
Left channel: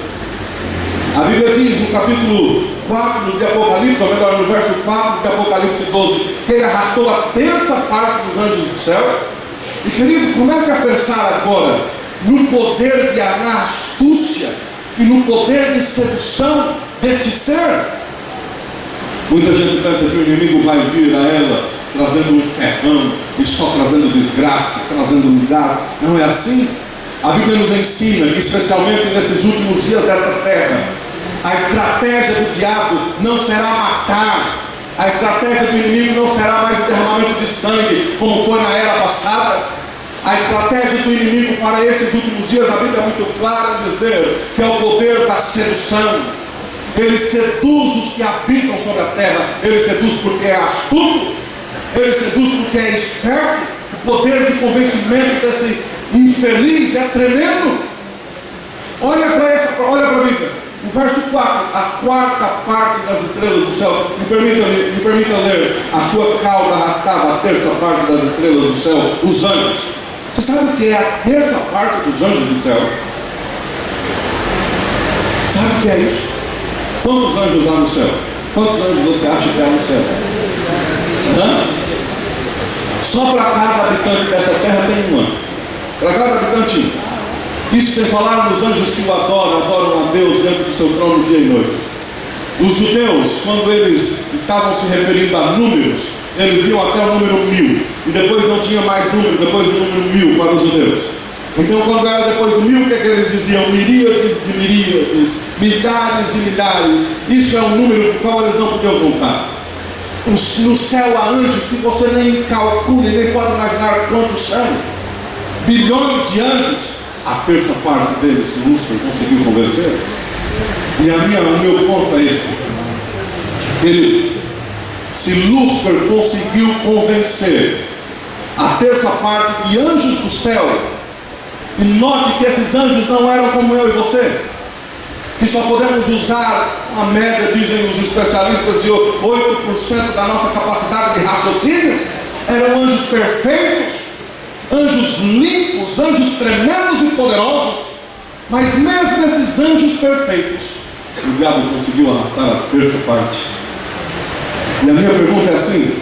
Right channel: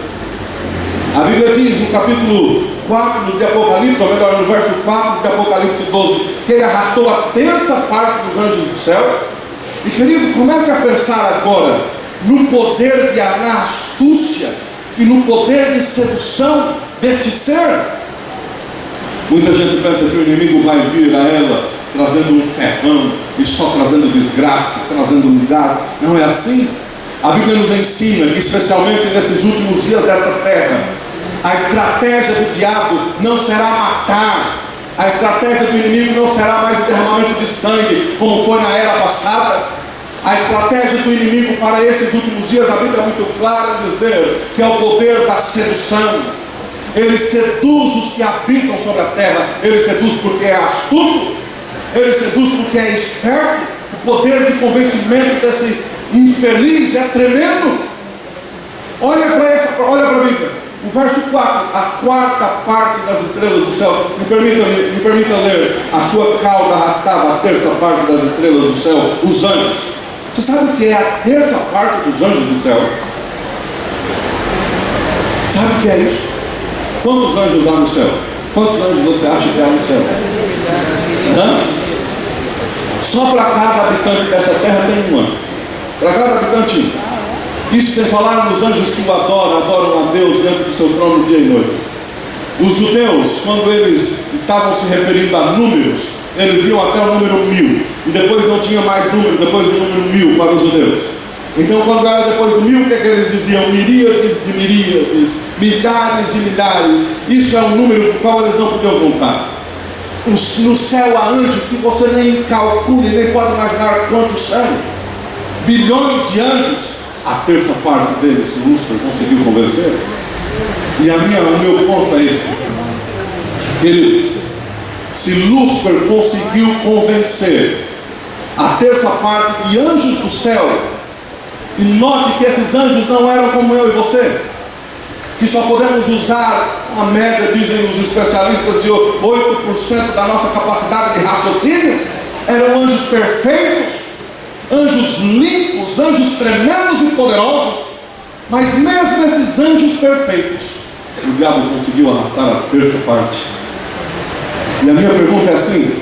A Bíblia diz no capítulo 4 de Apocalipse, ou melhor, no verso 4 de Apocalipse 12, que ele arrastou a terça parte dos anjos do céu. E querido, comece a pensar agora no poder de astúcia e no poder de sedução desse ser. Muita gente pensa que o inimigo vai vir a ela trazendo um ferrão e só trazendo desgraça, trazendo lugar. Não é assim. A Bíblia nos ensina que, especialmente nesses últimos dias dessa terra, a estratégia do diabo não será matar. A estratégia do inimigo não será mais o derramamento de sangue, como foi na era passada. A estratégia do inimigo para esses últimos dias, a Bíblia é muito clara em dizer que é o poder da sedução. Ele seduz os que habitam sobre a terra. Ele seduz porque é astuto. Ele seduz porque é esperto. O poder de convencimento desse infeliz é tremendo. Olha para a Bíblia. O verso 4. A quarta parte das estrelas do céu. Me permita ler. A sua cauda arrastava a terça parte das estrelas do céu. Os anjos. Você sabe o que é a terça parte dos anjos do céu? Sabe o que é isso? Quantos anjos há no céu? Quantos anjos você acha que há no céu? Só para cada habitante dessa terra tem um anjo. Para cada habitante. Isso sem falar nos anjos que o adoram a Deus diante do seu trono dia e noite. Os judeus, quando eles estavam se referindo a números, eles viam até o número 1000. E depois não tinha mais número, depois do número 1000 para os judeus. Então, quando era depois do 1000, o que é que eles diziam? Miríades de miríades, milhares de milhares. Isso é um número do qual eles não podiam contar. No céu há anjos que você nem calcula, nem pode imaginar quantos são. Bilhões de anjos. A terça parte deles, Lúcifer conseguiu convencer. E o meu ponto é esse. Querido, se Lúcifer conseguiu convencer a terça parte de anjos do céu, e note que esses anjos não eram como eu e você, que só podemos usar a média, dizem os especialistas, de 8% da nossa capacidade de raciocínio. Eram anjos perfeitos, anjos limpos, anjos tremendos e poderosos. Mas mesmo esses anjos perfeitos, o diabo conseguiu arrastar a terça parte. E a minha pergunta é assim:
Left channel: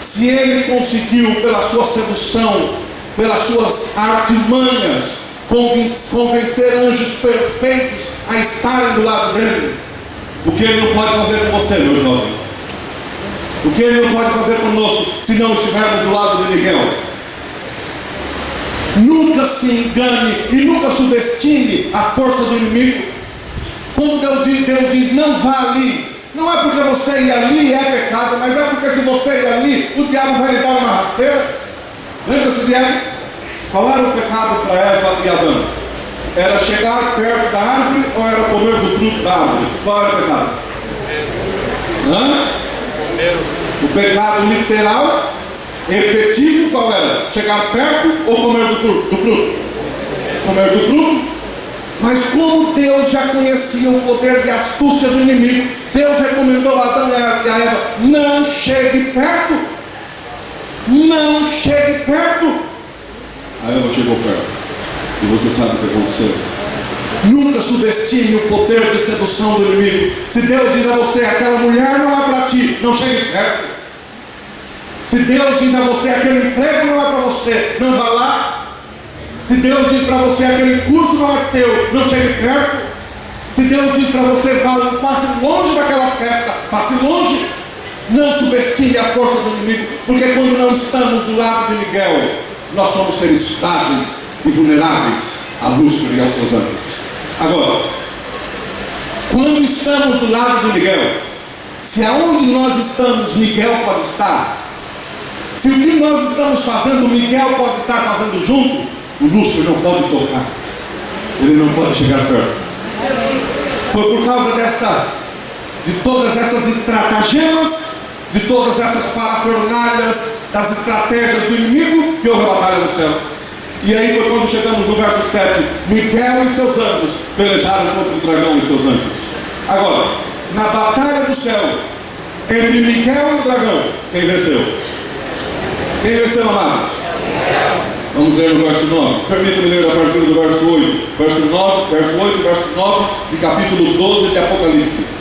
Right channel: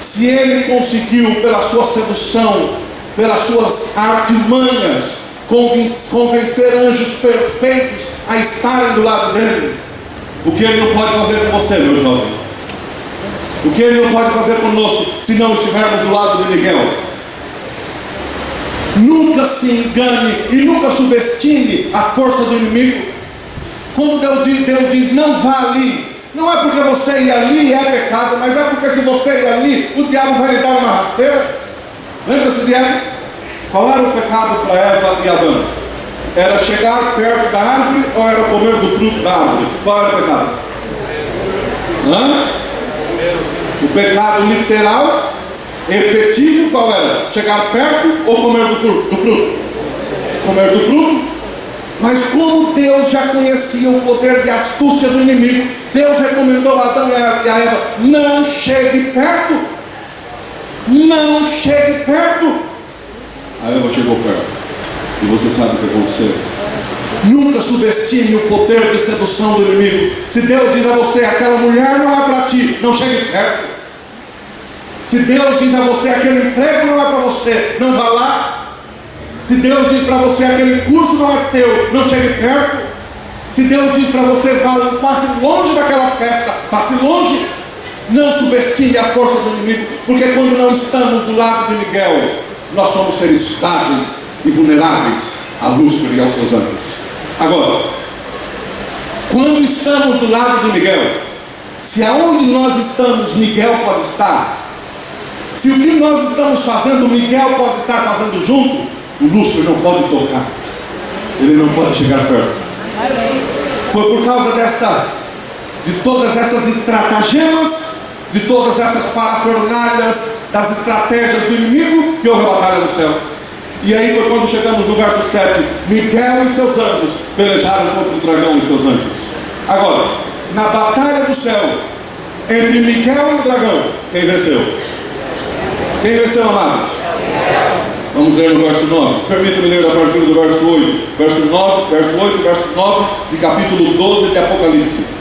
se ele conseguiu, pela sua sedução, pelas suas artimanhas, convencer anjos perfeitos a estarem do lado dele, o que ele não pode fazer com você, meu jovem? O que ele não pode fazer conosco se não estivermos do lado de Miguel? Nunca se engane e nunca subestime a força do inimigo. Quando Deus diz não vá ali, não é porque você ir ali é pecado, mas é porque se você ir ali, o diabo vai lhe dar uma rasteira. Lembra-se de Eva? Qual era o pecado para Eva e Adão? Era chegar perto da árvore ou era comer do fruto da árvore? Qual era o pecado? O pecado literal, efetivo, qual era? Chegar perto ou comer do fruto? Comer do fruto. Mas como Deus já conhecia o poder de astúcia do inimigo, Deus recomendou a Adão e a Eva: não chegue perto. Não chegue perto. A Eva chegou perto. E você sabe o que aconteceu. Nunca subestime o poder de sedução do inimigo. Se Deus diz a você, aquela mulher não é para ti, não chegue perto. Se Deus diz a você, aquele emprego não é para você, não vá lá. Se Deus diz para você, aquele curso não é teu, não chegue perto. Se Deus diz para você, passe longe daquela festa, passe longe. Não subestime a força do inimigo, porque quando não estamos do lado de Miguel, nós somos seres frágeis e vulneráveis a Lúcifer e aos seus anjos. Agora, quando estamos do lado de Miguel, se aonde nós estamos, Miguel pode estar, se o que nós estamos fazendo, Miguel pode estar fazendo junto, o Lúcifer não pode tocar, ele não pode chegar perto. Foi por causa de todas essas estratagemas, de todas essas parafernálias, das estratégias do inimigo, que houve a batalha no céu. E aí foi quando chegamos no verso 7, Miguel e seus anjos pelejaram contra o dragão e seus anjos. Agora, na batalha do céu, entre Miguel e o dragão, quem venceu? Quem venceu, amados? Vamos ler no verso 9. Permita-me ler a partir do verso 8. Verso 8, verso 9 de capítulo 12 de Apocalipse.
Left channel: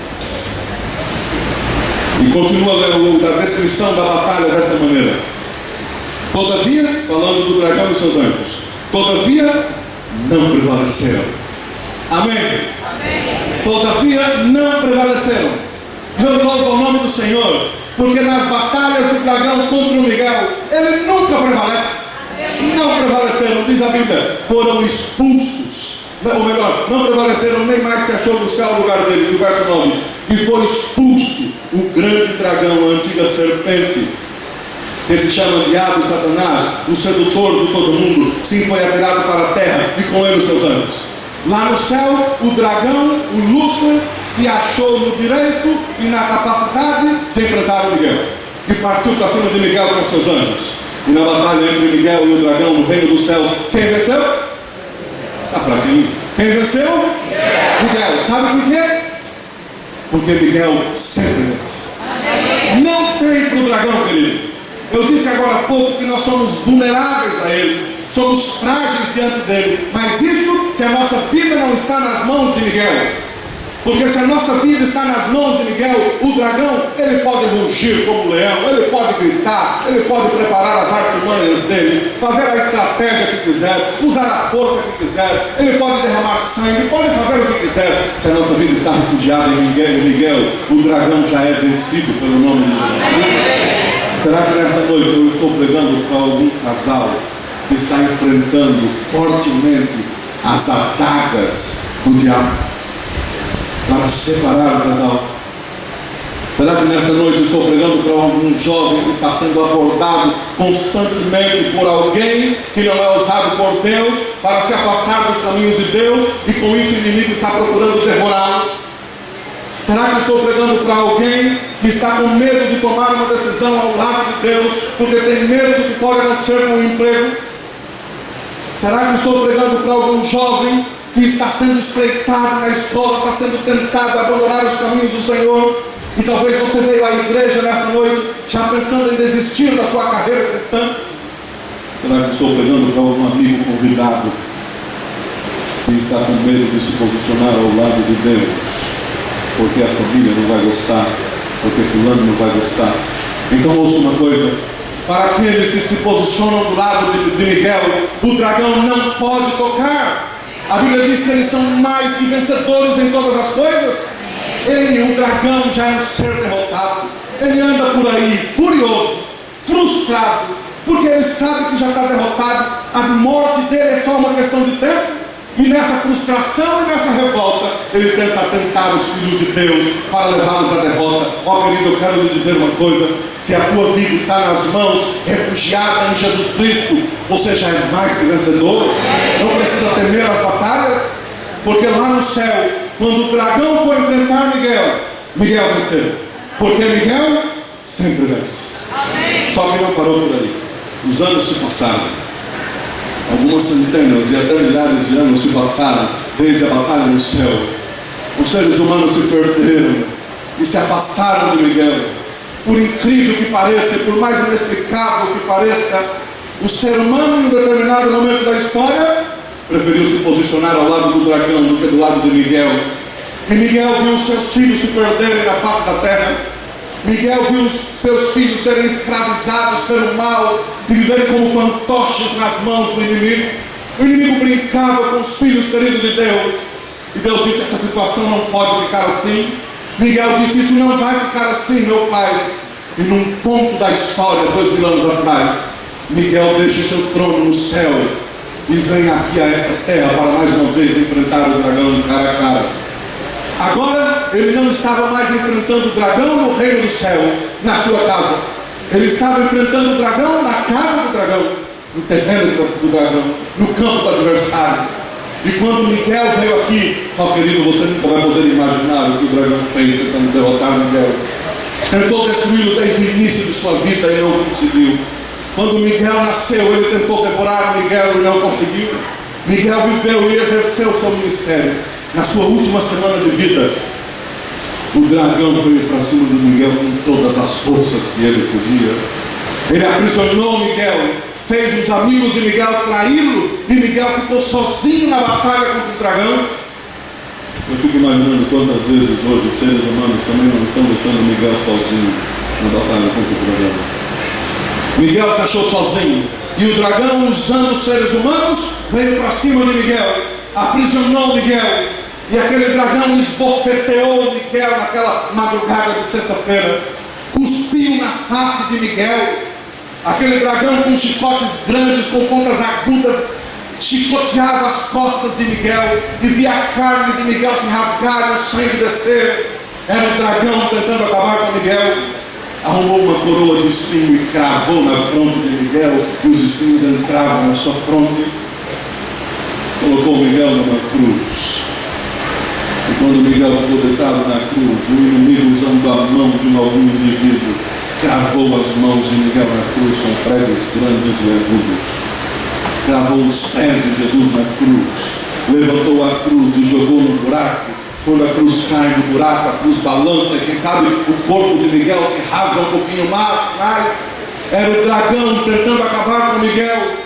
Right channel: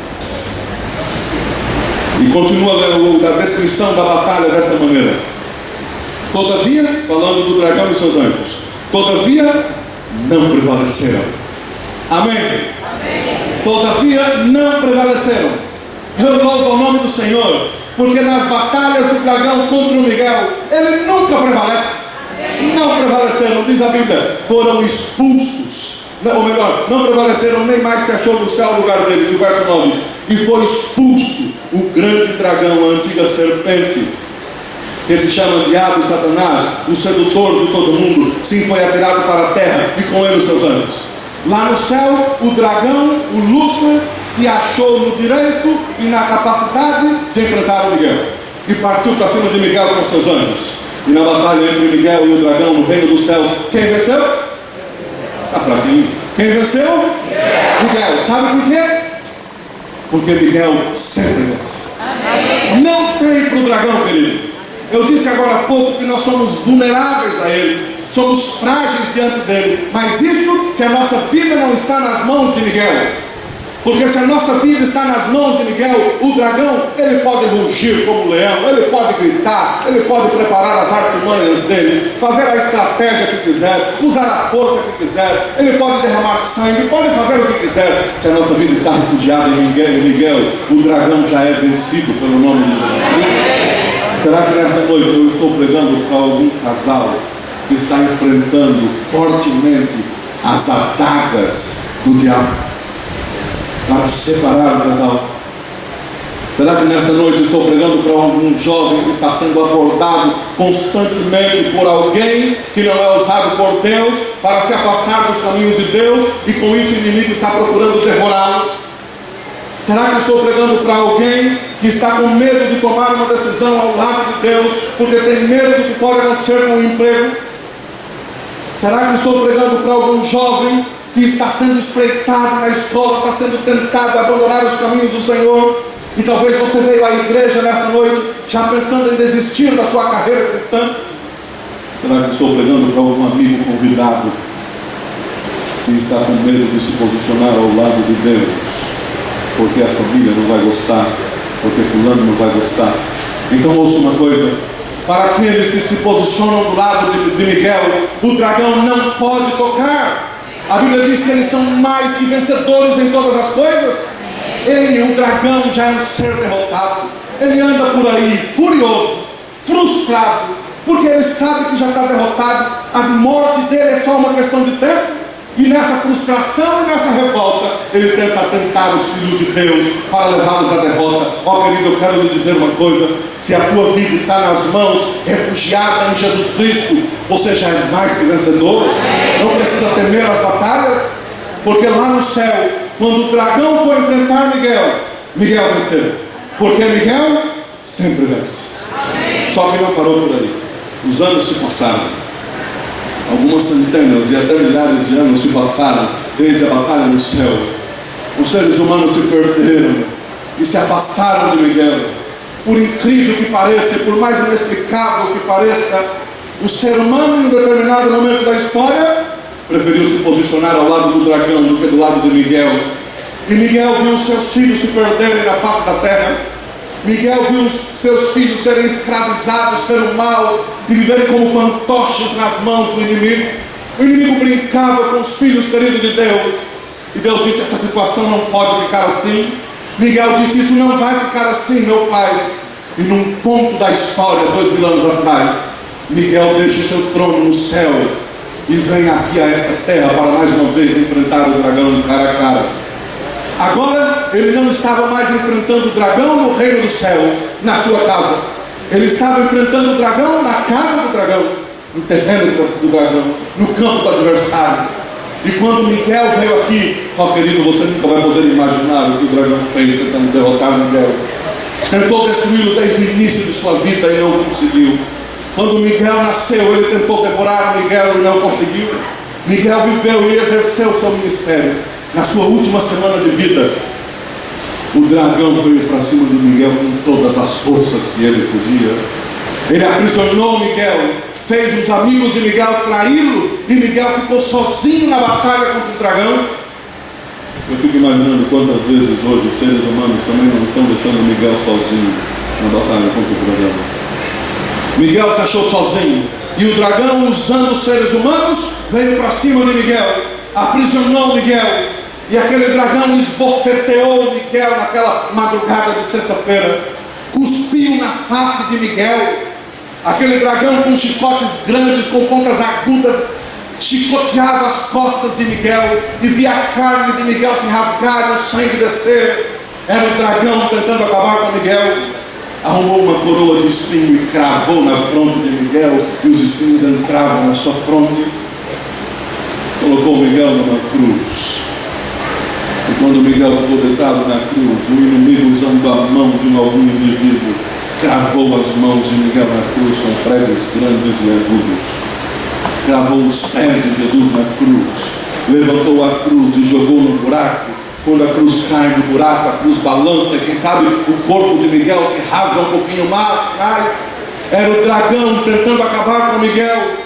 E continua a descrição da batalha desta maneira. Todavia, falando do dragão e seus anjos, todavia não prevaleceram. Amém? Amém. Todavia não prevaleceram. Eu louvo ao nome do Senhor, porque nas batalhas do dragão contra o Miguel, ele nunca prevalece. Não prevaleceram, diz a Bíblia, foram expulsos. Ou melhor, não prevaleceram, nem mais se achou no céu o lugar deles. O verso 9: e foi expulso o grande dragão, a antiga serpente, que se chama Diabo e Satanás, o sedutor de todo mundo. Sim, foi atirado para a terra, e com ele os seus anjos. Lá no céu, o dragão, o Lúcifer, se achou no direito e na capacidade de enfrentar o Miguel, e partiu para cima de Miguel com seus anjos. E na batalha entre Miguel e o dragão no reino dos céus, quem venceu? Está fraquinho. Quem venceu? Miguel. Sabe por quê? Porque Miguel sempre vence. Não tem para o dragão, querido. Eu disse agora há pouco que nós somos vulneráveis a ele, somos frágeis diante dele. Mas isso se a nossa vida não está nas mãos de Miguel. Porque se a nossa vida está nas mãos de Miguel, o dragão, ele pode rugir como leão, ele pode gritar, ele pode preparar as artimanhas dele, fazer a estratégia que quiser, usar a força que quiser, ele pode derramar sangue, pode fazer o que quiser. Se a nossa vida está refugiada em Miguel, o dragão já é vencido pelo nome de Jesus Cristo. Será que nesta noite eu estou pregando para algum casal que está enfrentando fortemente as adagas do diabo para separar o casal? Será que nesta noite estou pregando para algum jovem que está sendo abordado constantemente por alguém que não é usado por Deus para se afastar dos caminhos de Deus, e com isso o inimigo está procurando devorá-lo? Será que estou pregando para alguém que está com medo de tomar uma decisão ao lado de Deus, porque tem medo do que pode acontecer com o emprego? Será que estou pregando para algum jovem que está sendo espreitado na escola, está sendo tentado a abandonar os caminhos do Senhor, e talvez você veio à igreja nesta noite já pensando em desistir da sua carreira cristã? Será que estou pregando para algum amigo convidado que está com medo de se posicionar ao lado de Deus, porque a família não vai gostar, porque fulano não vai gostar? Então ouça uma coisa: para aqueles que se posicionam do lado de Miguel, o dragão não pode tocar. A Bíblia diz que eles são mais que vencedores em todas as coisas. Ele, o dragão, já é um ser derrotado. Ele anda por aí furioso, frustrado, porque ele sabe que já está derrotado. A morte dele é só uma questão de tempo. E nessa frustração e nessa revolta, ele tenta tentar os filhos de Deus para levá-los à derrota. Ó querido, eu quero lhe dizer uma coisa: se a tua vida está nas mãos, refugiada em Jesus Cristo, você já é mais que vencedor. Não precisa temer as batalhas, porque lá no céu, quando o dragão foi enfrentar Miguel, Miguel venceu, porque Miguel sempre vence. Só que não parou por aí. Os anos se passaram. Algumas centenas e até milhares de anos se passaram desde a batalha no céu. Os seres humanos se perderam e se afastaram de Miguel. Por incrível que pareça, por mais inexplicável que pareça, O ser humano, em um determinado momento da história, preferiu se posicionar ao lado do dragão do que do lado de Miguel. E Miguel viu seus filhos se perderem na face da terra. Miguel viu seus filhos serem escravizados pelo mal e viverem como fantoches nas mãos do inimigo. O inimigo brincava com os filhos queridos de Deus. E Deus disse: essa situação não pode ficar assim. Miguel disse: isso não vai ficar assim, meu pai. E num ponto da história, 2000 anos atrás, Miguel deixa o seu trono no céu e vem aqui a esta terra para mais uma vez enfrentar o dragão cara a cara. Agora ele não estava mais enfrentando o dragão no reino dos céus, na sua casa. Ele estava enfrentando o dragão na casa do dragão, no terreno do dragão, no campo do adversário. E quando Miguel veio aqui, querido, você nunca vai poder imaginar o que o dragão fez tentando derrotar Miguel. Tentou destruí-lo desde o início de sua vida e não conseguiu. Quando Miguel nasceu, ele tentou devorar Miguel e não conseguiu. Miguel viveu e exerceu seu ministério. Na sua última semana de vida, o dragão veio para cima de Miguel com todas as forças que ele podia. Ele aprisionou Miguel, fez os amigos de Miguel traí-lo, e Miguel ficou sozinho na batalha contra o dragão. Eu fico imaginando quantas vezes hoje os seres humanos também não estão deixando Miguel sozinho na batalha contra o dragão. Miguel se achou sozinho, e o dragão, usando os seres humanos, veio para cima de Miguel, aprisionou Miguel, e aquele dragão esbofeteou Miguel naquela madrugada de sexta-feira, cuspiu na face de Miguel. Aquele dragão com chicotes grandes, com pontas agudas, chicoteava as costas de Miguel, e via a carne de Miguel se rasgar e o sangue descer. Era o dragão tentando acabar com Miguel. Arrumou uma coroa de espinho e cravou na fronte de Miguel, e os espinhos entravam na sua fronte. Colocou Miguel numa cruz. E quando Miguel ficou deitado na cruz, o inimigo, usando a mão de algum indivíduo, cravou as mãos de Miguel na cruz com pregos grandes e agudos. Cravou os pés de Jesus na cruz, levantou a cruz e jogou no buraco. Quando a cruz cai no buraco, a cruz balança, quem sabe o corpo de Miguel se rasga um pouquinho mais. Era o dragão tentando acabar com Miguel.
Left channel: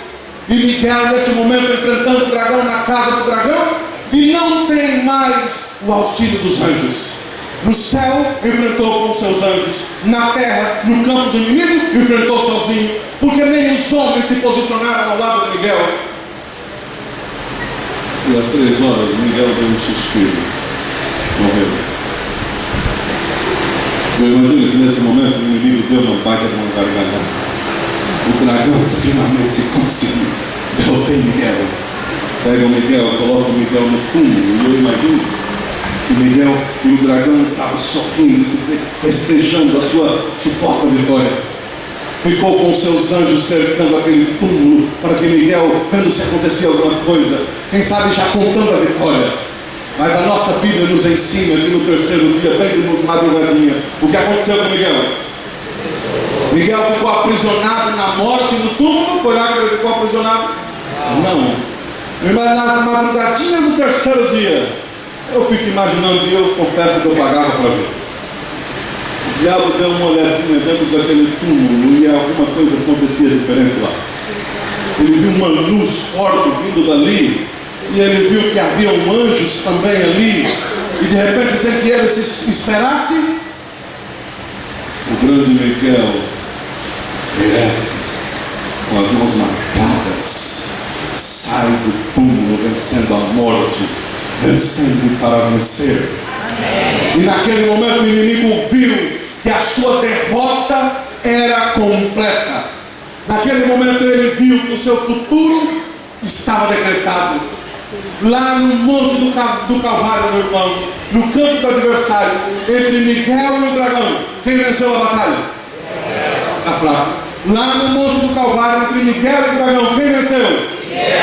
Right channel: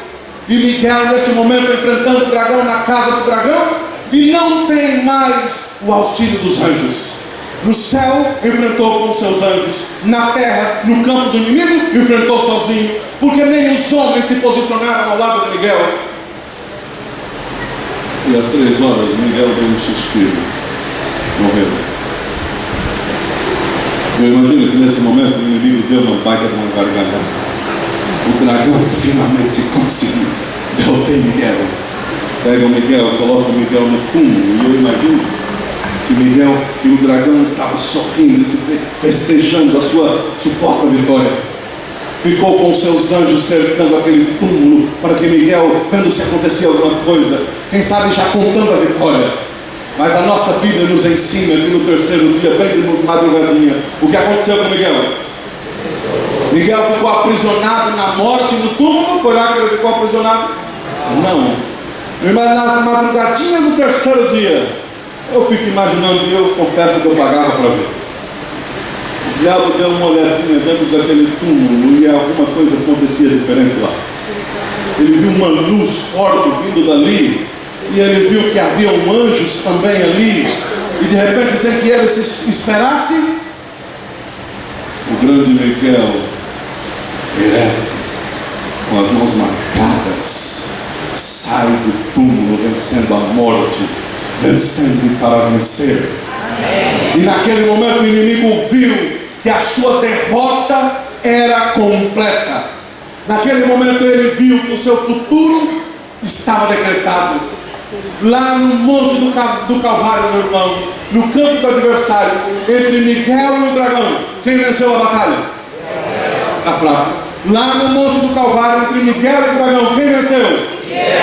E Miguel, nesse momento, enfrentando o dragão na casa do dragão, e não tem mais o auxílio dos anjos. No céu, enfrentou com seus anjos. Na terra, no campo do inimigo, enfrentou sozinho, porque nem os homens se posicionaram ao lado de Miguel. E às 3 horas, Miguel deu um suspiro. Morreu. Eu imagino que nesse momento o inimigo deu uma baita de uma gargalhada. O dragão finalmente conseguiu derrotar Miguel. Pega o Miguel, coloca o Miguel no túmulo, e eu imagino que o dragão estava sorrindo, festejando a sua suposta vitória. Ficou com seus anjos cercando aquele túmulo, para que Miguel, vendo se acontecia alguma coisa, quem sabe já contando a vitória. Mas a nossa Bíblia nos ensina que no terceiro dia, bem de madrugadinha, o que aconteceu com Miguel? Miguel ficou aprisionado na morte no túmulo. Foi lá que ele ficou aprisionado? Não. Mas na madrugadinha do terceiro dia, eu fico imaginando, e eu confesso que eu pagava para ver. O diabo deu uma olhadinha dentro daquele túmulo e alguma coisa acontecia diferente lá. Ele viu uma luz forte vindo dali, e ele viu que havia anjos também ali, e de repente, sem que ele se esperasse, o grande Miguel, com as mãos marcadas, sai do túmulo vencendo a morte, vencendo para vencer. Amém. E naquele momento o inimigo viu que a sua derrota era completa. Naquele momento ele viu que o seu futuro estava decretado. Lá no monte do Calvário, meu irmão, no campo do adversário, entre Miguel e o dragão, quem venceu a batalha? Está fraco. Lá no monte do Calvário, entre Miguel e o dragão, quem venceu? Miguel.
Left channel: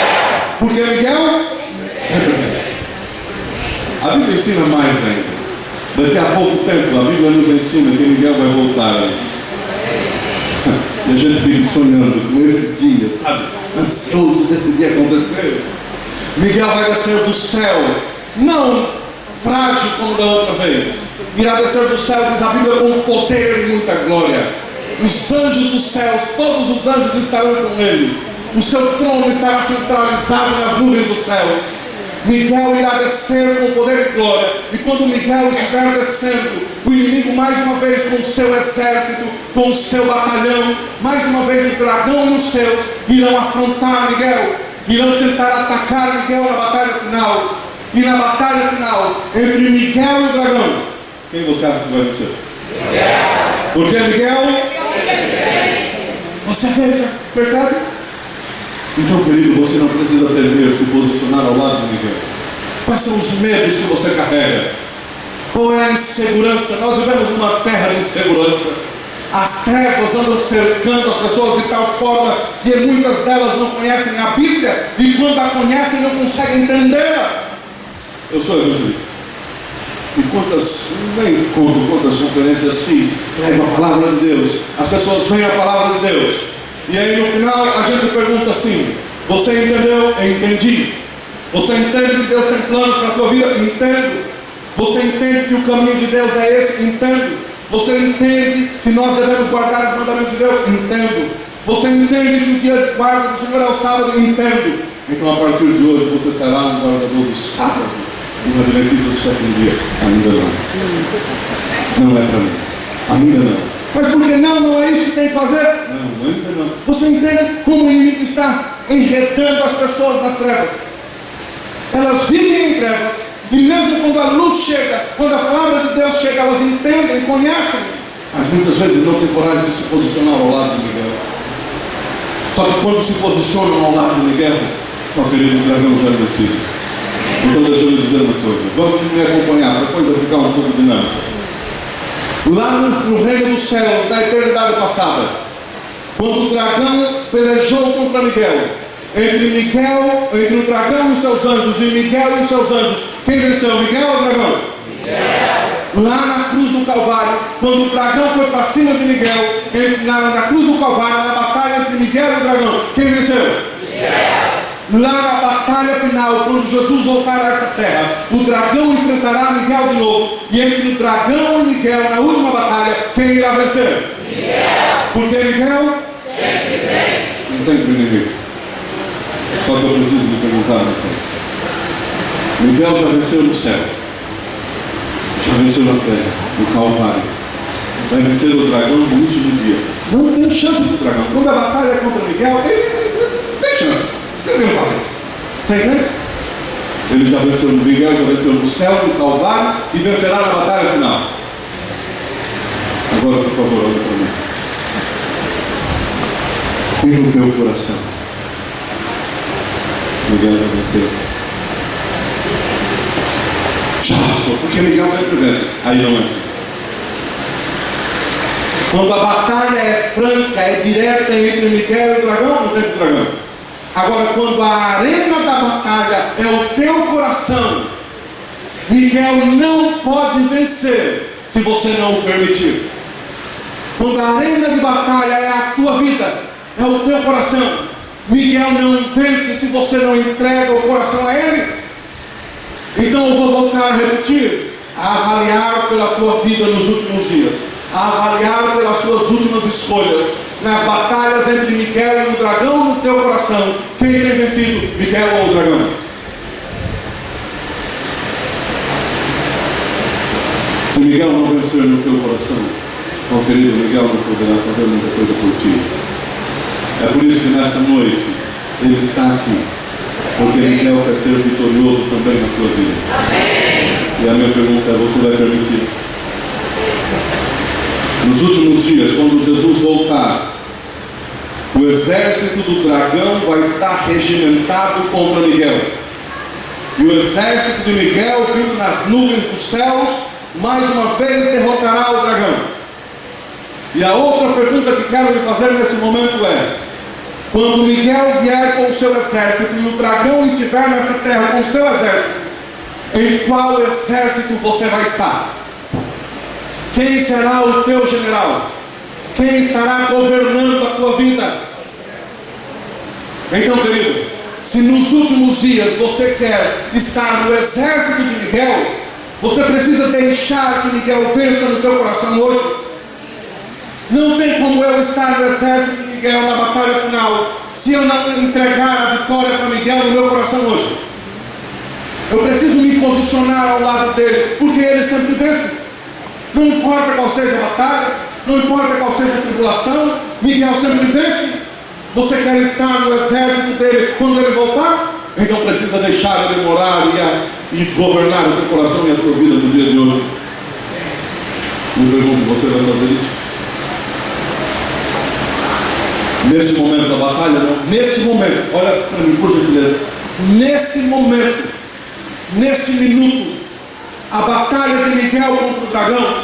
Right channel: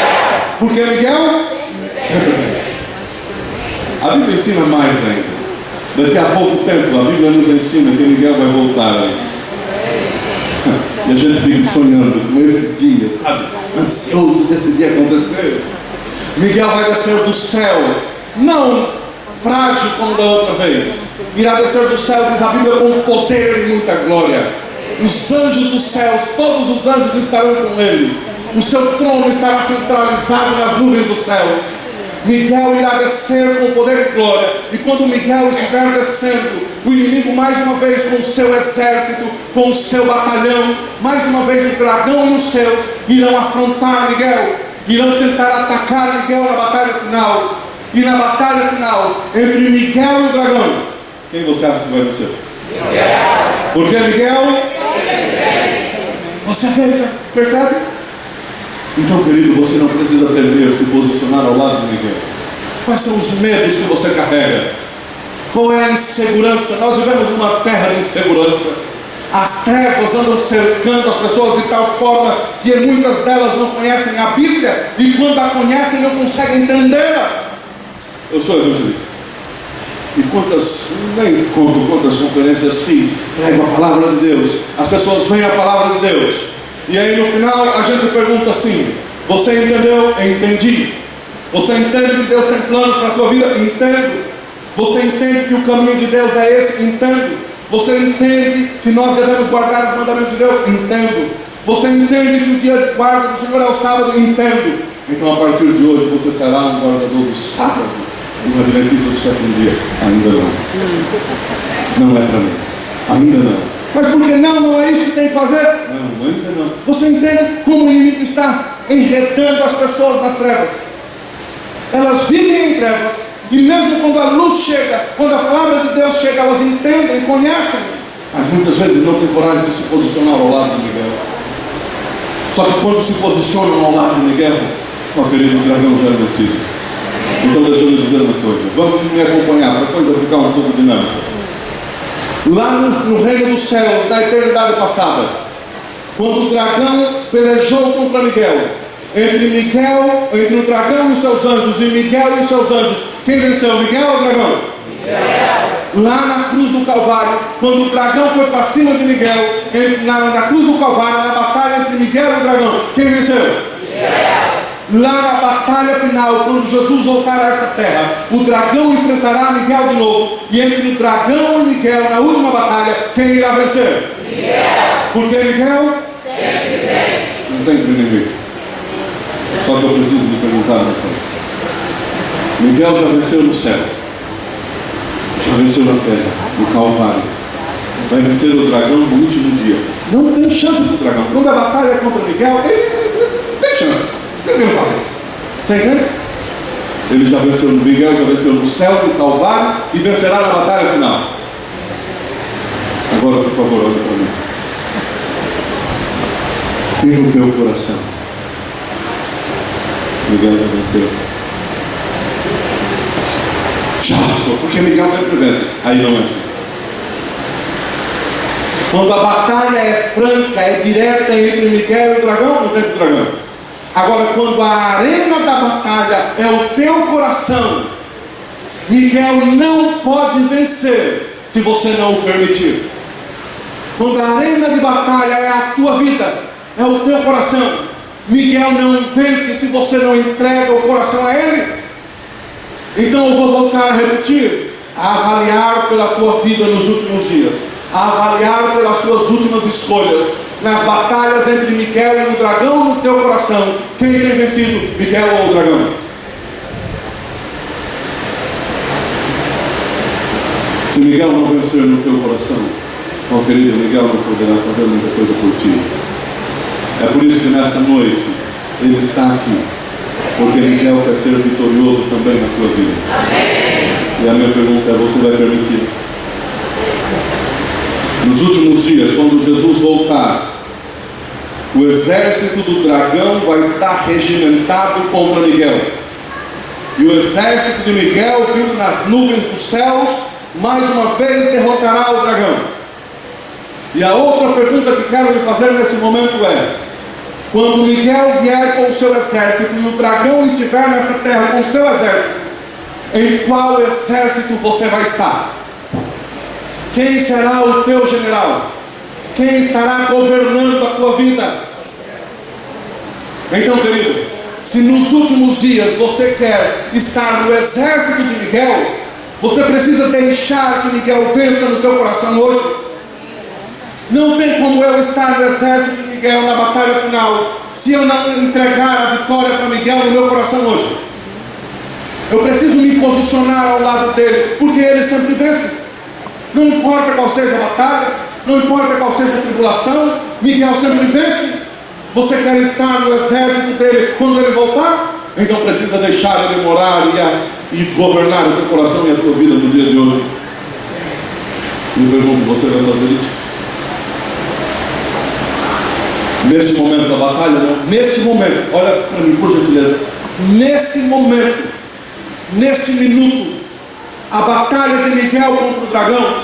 Porque Miguel sempre vence. A Bíblia ensina mais ainda. Daqui a pouco tempo, a Bíblia nos ensina que Miguel vai voltar. E a gente fica sonhando com esse dia, sabe? Ansioso desse dia acontecer. Miguel vai descer do céu, não frágil como da outra vez. Irá descer do céu, diz a Bíblia, com poder e muita glória. Os anjos dos céus, todos os anjos estarão com ele. O seu trono estará centralizado nas nuvens dos céus. Miguel irá descer com poder e glória. E quando Miguel estiver descendo, o inimigo mais uma vez com o seu exército, com o seu batalhão, mais uma vez o dragão e os seus irão afrontar Miguel, irão tentar atacar Miguel na batalha final. E na batalha final, entre Miguel e o dragão, quem você acha que vai vencer? Miguel. Porque Miguel, você percebe? Então, querido, você não precisa ter medo de se posicionar ao lado de Miguel. Quais são os medos que você carrega? Qual é a insegurança? Nós vivemos numa terra de insegurança. As trevas andam cercando as pessoas de tal forma que muitas delas não conhecem a Bíblia, e quando a conhecem não conseguem entendê-la. Eu sou evangelista. E nem conto quantas conferências fiz, prego a palavra de Deus. As pessoas veem a palavra de Deus. E aí no final a gente pergunta assim: você entendeu? Entendi. Você entende que Deus tem planos para a tua vida? Entendo. Você entende que o caminho de Deus é esse? Entendo. Você entende que nós devemos guardar os mandamentos de Deus? Entendo. Você entende que o dia de guarda do Senhor é o sábado? Entendo. Então a partir de hoje você será um guardador do sábado, um adventista do sétimo dia. Ainda não. Não é para mim. Ainda não. Mas por que não? Não é isso que tem que fazer? Não, ainda não. Você entende como o inimigo está enredando as pessoas nas trevas? Elas vivem em trevas, e mesmo quando a luz chega, quando a palavra de Deus chega, elas entendem, conhecem, mas muitas vezes não têm coragem de se posicionar ao lado de Miguel. Só que quando se posicionam ao lado de Miguel, meu querido, o dragão já é vencido. Então deixa eu lhe dizer uma coisa, vamos me acompanhar, depois vai ficar um pouco dinâmico. Lá no reino dos céus, na eternidade passada, quando o dragão pelejou contra Miguel, entre o dragão e os seus anjos, e Miguel e os seus anjos, quem venceu, Miguel ou o dragão? Miguel. Lá na cruz do Calvário, quando o dragão foi para cima de Miguel, na cruz do Calvário, na batalha entre Miguel e o dragão, quem venceu? Miguel. Lá na batalha final, quando Jesus voltar a esta terra, o dragão enfrentará Miguel de novo, e entre o dragão e Miguel, na última batalha, quem irá vencer? Miguel. Porque Miguel sempre vence. Não tem inimigo. Só que eu preciso lhe perguntar uma coisa. Miguel já venceu no céu, já venceu na terra, no Calvário, vai vencer o dragão no último dia. Não tem chance para o dragão. Quando a batalha é contra Miguel, ele não tem chance. O que ele vai fazer? Você entende? Ele já venceu no Miguel, já venceu no céu, no Calvário, e vencerá na batalha final. Agora, por favor, olha para mim. E no teu coração, Miguel já venceu. Já passou, porque Miguel sempre vence. Aí não é assim. Quando a batalha é franca, é direta entre Miguel e o dragão, não tem o dragão. Agora, quando a arena da batalha é o teu coração, Miguel não pode vencer se você não o permitir. Quando a arena de batalha é a tua vida, é o teu coração, Miguel não vence se você não entrega o coração a ele. Então eu vou voltar a repetir: a avaliar pela tua vida nos últimos dias, a avaliar pelas suas últimas escolhas, nas batalhas entre Miguel e o dragão no teu coração, quem tem vencido, Miguel ou o dragão? Se Miguel não vencer no teu coração, meu querido, Miguel não poderá fazer muita coisa por ti. É por isso que nesta noite ele está aqui, porque Miguel quer ser vitorioso também na tua vida. Amém. E a minha pergunta é: você vai permitir? Nos últimos dias, quando Jesus voltar, o exército do dragão vai estar regimentado contra Miguel, e o exército de Miguel, vindo nas nuvens dos céus, mais uma vez derrotará o dragão. E a outra pergunta que quero lhe fazer nesse momento é: quando Miguel vier com o seu exército e o dragão estiver nesta terra com o seu exército, em qual exército você vai estar? Quem será o teu general? Quem estará governando a tua vida? Então, querido, se nos últimos dias você quer estar no exército de Miguel, você precisa deixar que Miguel vença no teu coração hoje. Não tem como eu estar no exército de Miguel na batalha final se eu não entregar a vitória para Miguel no meu coração hoje. Eu preciso me posicionar ao lado dele, porque ele sempre vence. Não importa qual seja a batalha, não importa qual seja a tribulação, Miguel sempre vence. Você quer estar no exército dele quando ele voltar? Então precisa deixar ele morar e governar o teu coração e a tua vida no dia de hoje. Me pergunto, você vai fazer isso? Nesse momento da batalha, não. Nesse momento, olha para mim, por gentileza. Nesse momento, nesse minuto, a batalha de Miguel contra o dragão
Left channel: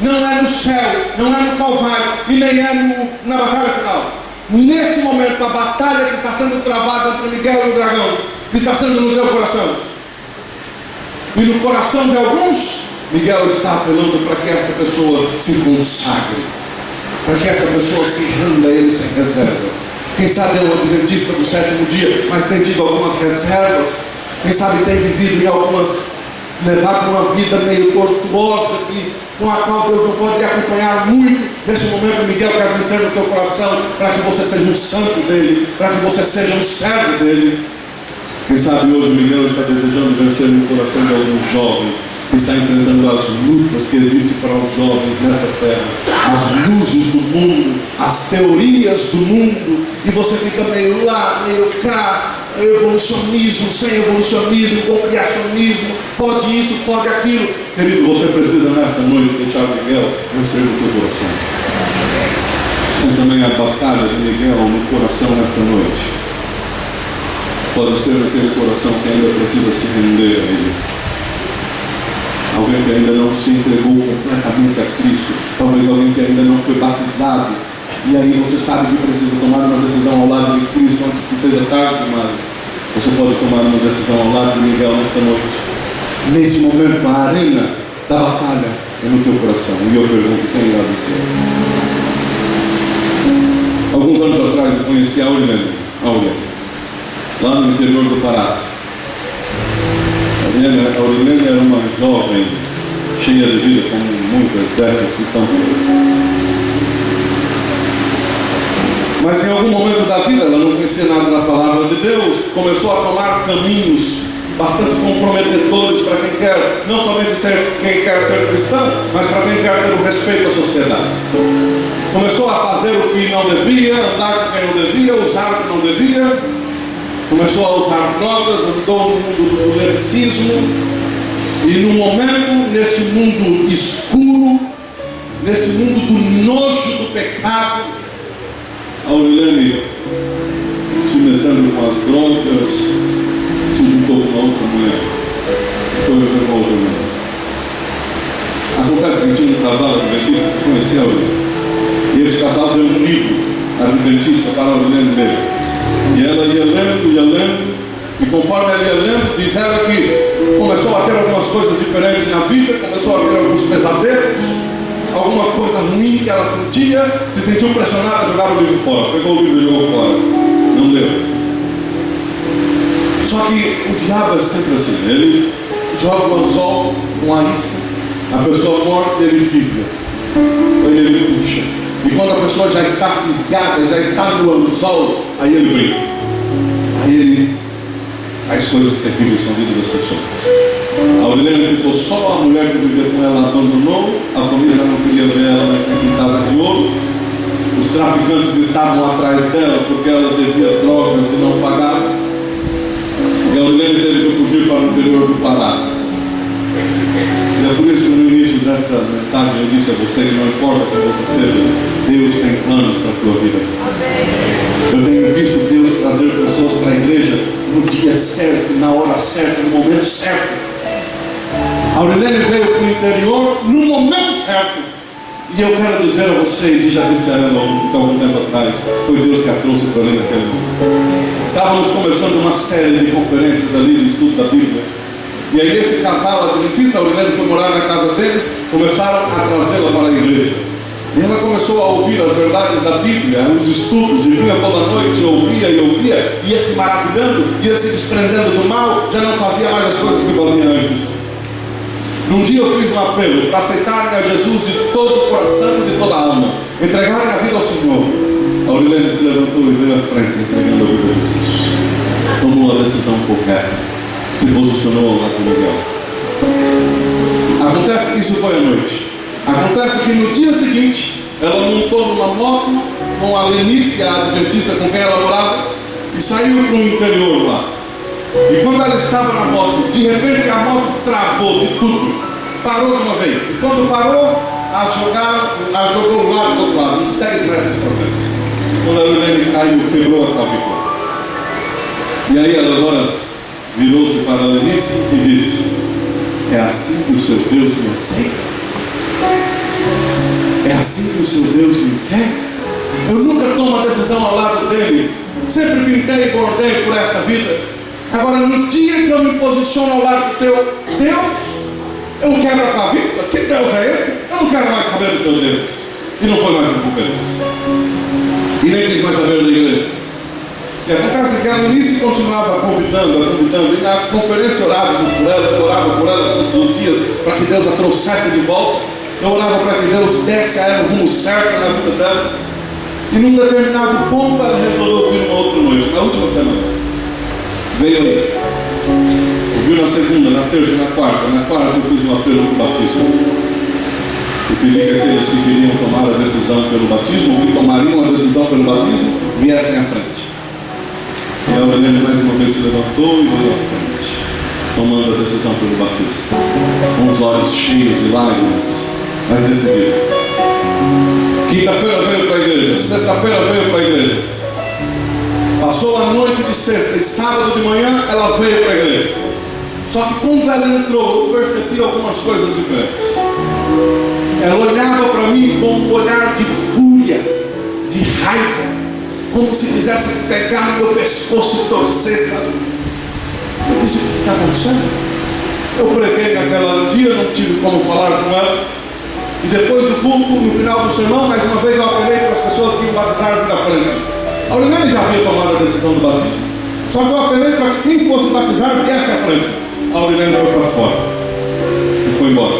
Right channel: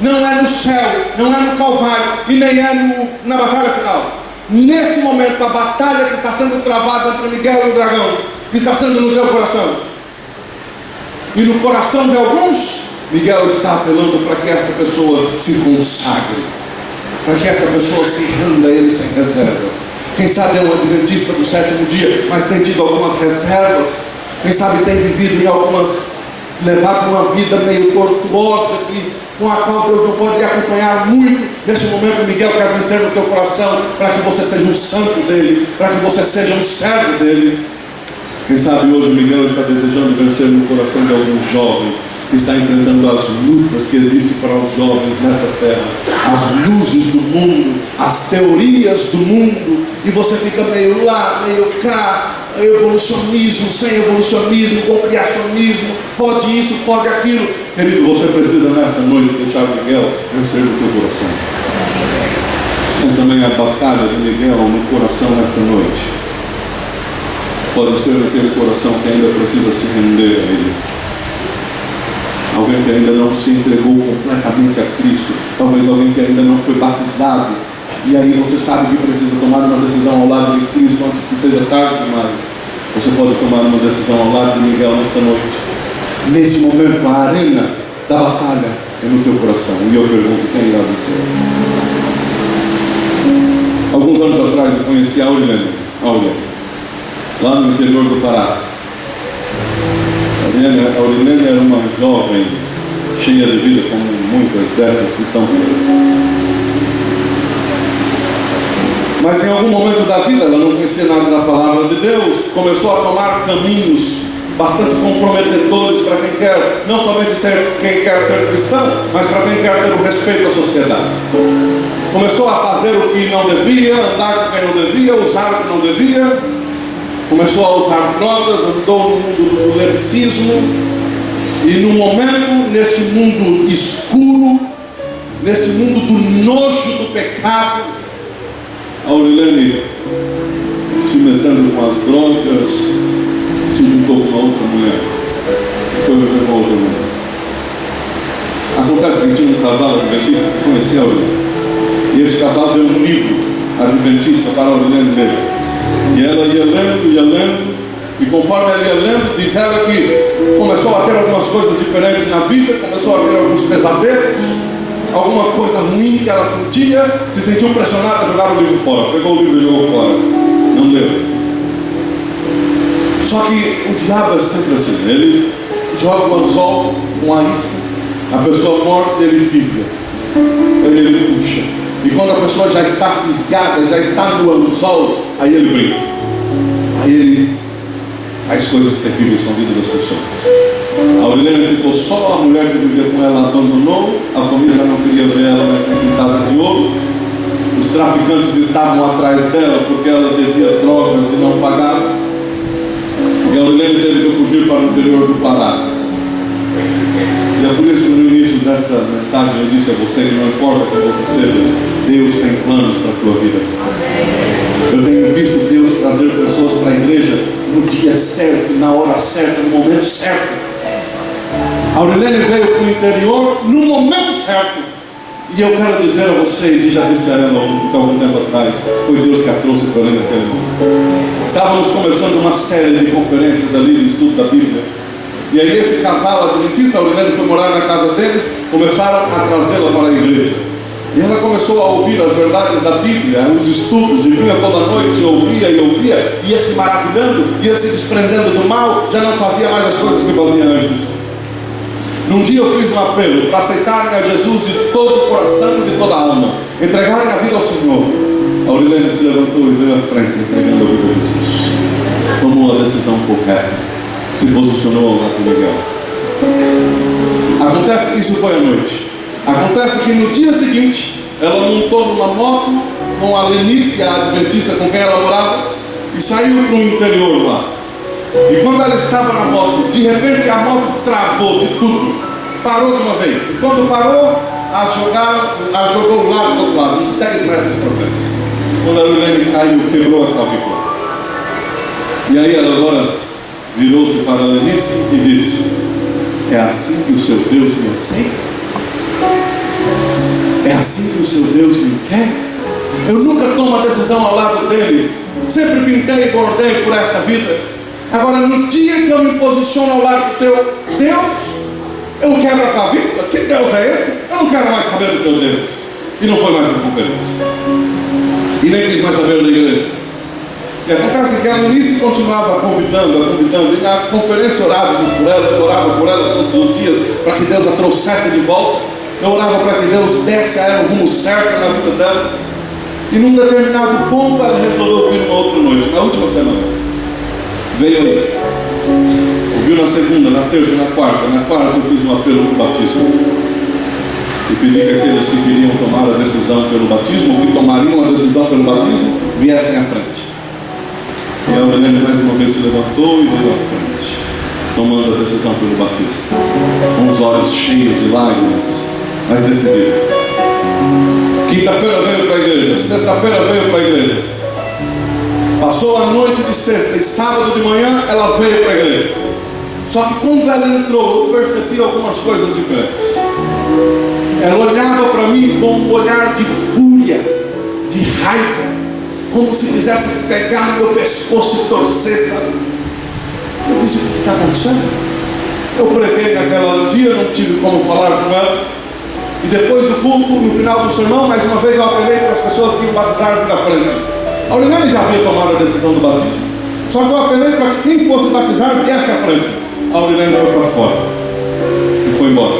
não é no céu, não é no Calvário e nem é na batalha final. Nesse momento, a batalha que está sendo travada entre Miguel e o dragão está sendo no teu coração. E no coração de alguns, Miguel está apelando para que essa pessoa se consagre, para que essa pessoa se renda a ele sem reservas. Quem sabe é um adventista do sétimo dia, mas tem tido algumas reservas. Quem sabe tem vivido levado uma vida meio tortuosa, com a qual Deus não pode lhe acompanhar muito. Nesse momento, Miguel quer vencer no teu coração, para que você seja um santo dele, para que você seja um servo dele. Quem sabe hoje Miguel está desejando vencer no coração de algum jovem que está enfrentando as lutas que existem para os jovens nesta terra, as luzes do mundo, as teorias do mundo, e você fica meio lá, meio cá, evolucionismo, sem evolucionismo, com criacionismo, pode isso, pode aquilo. Querido, você precisa nessa noite deixar Miguel vencer no teu coração. Mas também a batalha de Miguel no coração nesta noite pode ser aquele coração que ainda precisa se render a ele. Alguém que ainda não se entregou completamente a Cristo. Talvez alguém que ainda não foi batizado. E aí você sabe que precisa tomar uma decisão ao lado de Cristo antes que seja tarde demais. Você pode tomar uma decisão ao lado de Miguel nesta noite. Nesse momento, a arena da batalha é no teu coração. E eu pergunto, quem irá vencer? Alguns anos atrás eu conheci a Aurelene, lá no interior do Pará. A Aurelene era uma jovem cheia de vida, como muitas dessas que estão aqui. Mas em algum momento da vida ela não conhecia nada da palavra de Deus, começou a tomar caminhos bastante comprometedores para quem quer, não somente quem quer ser cristão, mas para quem quer ter o respeito à sociedade. Começou a fazer o que não devia, andar com quem não devia, usar o que não devia. Começou a usar drogas, andou no mundo do liricismo. E num momento, nesse mundo escuro, nesse mundo do nojo do pecado, a Aurelene, se metendo com as drogas, se juntou com uma outra mulher. Foi viver com outra mulher. Acontece que tinha um casal adventista que conhecia a Aurelene. E esse casal deu um livro adventista para a Aurelene ler. E ela ia lendo, e conforme ela ia lendo, diz ela que começou a ter algumas coisas diferentes na vida, começou a ter alguns pesadelos, alguma coisa ruim que ela sentia, se sentiu pressionada a jogar o livro fora. Pegou o livro e jogou fora, não leu. Só que o diabo é sempre assim, ele joga o anzol com a isca, a pessoa morta ele fisga, ele puxa. E quando a pessoa já está fisgada, já está no anzol, aí ele brinca. Aí ele faz coisas terríveis com a vida das pessoas. A Aurelene ficou só, a mulher que vivia com ela abandonou, a família já não queria ver ela mais pintada de ouro. Os traficantes estavam atrás dela porque ela devia drogas e não pagava. E a Aurelene teve que fugir para o interior do Pará. E é por isso que no início desta mensagem eu disse a você que não importa quem você seja, Deus tem planos para a tua vida. Eu tenho visto Deus trazer pessoas para a igreja no dia certo, na hora certa, no momento certo. A Aurelene veio para o interior no momento certo. E eu quero dizer a vocês, e já disse a ela há algum tempo atrás, foi Deus que a trouxe para ali naquele momento. Estávamos começando uma série de conferências ali no estudo da Bíblia. E aí esse casal adventista, a Aurelene foi morar na casa deles, começaram a trazê-la para a igreja. E ela começou a ouvir as verdades da Bíblia, os estudos, e vinha toda noite, ouvia, ia se maravilhando, ia se desprendendo do mal, já não fazia mais as coisas que fazia antes. Num dia eu fiz um apelo para aceitarem a Jesus de todo o coração e de toda a alma. entregarem a vida ao Senhor, a Aurilene se levantou e veio à frente, entregando a vida a Jesus. Tomou a decisão correta, se posicionou ao lado de Miguel. Acontece que isso foi à noite. Acontece que no dia seguinte, ela montou numa moto com a Lenice, a adventista com quem ela morava, e saiu para o interior lá. E quando ela estava na moto, de repente a moto travou de tudo, parou de uma vez. E quando parou, a jogou do lado do outro lado, uns 10 metros para frente. Quando a Aurilene caiu, quebrou a clavícula. E aí ela agora virou-se para a Lenice e disse: é assim que o seu Deus me aceita? É assim que o seu Deus me quer? Eu nunca tomo a decisão ao lado dele. Sempre pintei e bordei por esta vida. Agora, no dia que eu me posiciono ao lado do teu Deus, eu quero a clavícula. Que Deus é esse? Eu não quero mais saber do teu Deus. E não foi mais uma conferência. E nem quis mais saber da igreja. E acontece que a Lenice continuava convidando, e na conferência orávamos por ela, eu orava por ela todos os dias, para que Deus a trouxesse de volta. Eu orava para que Deus desse a ela o rumo certo na vida dela. E num determinado ponto ela resolveu vir uma outra noite, na última semana. Veio aí. Ouviu na segunda, na terça e na quarta. Na quarta eu fiz um apelo para o batismo. E pedi que aqueles que queriam tomar a decisão pelo batismo, ou que tomariam a decisão pelo batismo, viessem à frente. E a Aurilene mais uma vez se levantou e veio à frente, tomando a decisão pelo batismo, com os olhos cheios de lágrimas, mas decidido. Quinta-feira veio para a igreja, sexta-feira veio para a igreja. Passou a noite de sexta e sábado de manhã ela veio para a igreja. Só que quando ela entrou, eu percebi algumas coisas diferentes. Ela olhava para mim com um olhar de fúria, de raiva, como se quisesse pegar no meu pescoço e torcer, sabe? Eu disse: o que está acontecendo? Eu preguei naquela dia, não tive como falar com ela. E depois do culto, no final do sermão, mais uma vez eu apelei para as pessoas que iam batizar aqui na frente. A Aurilene já havia tomado a decisão do batismo. Só que eu apelei para que quem fosse batizar viesse à frente. A Aurilene foi para fora e foi embora.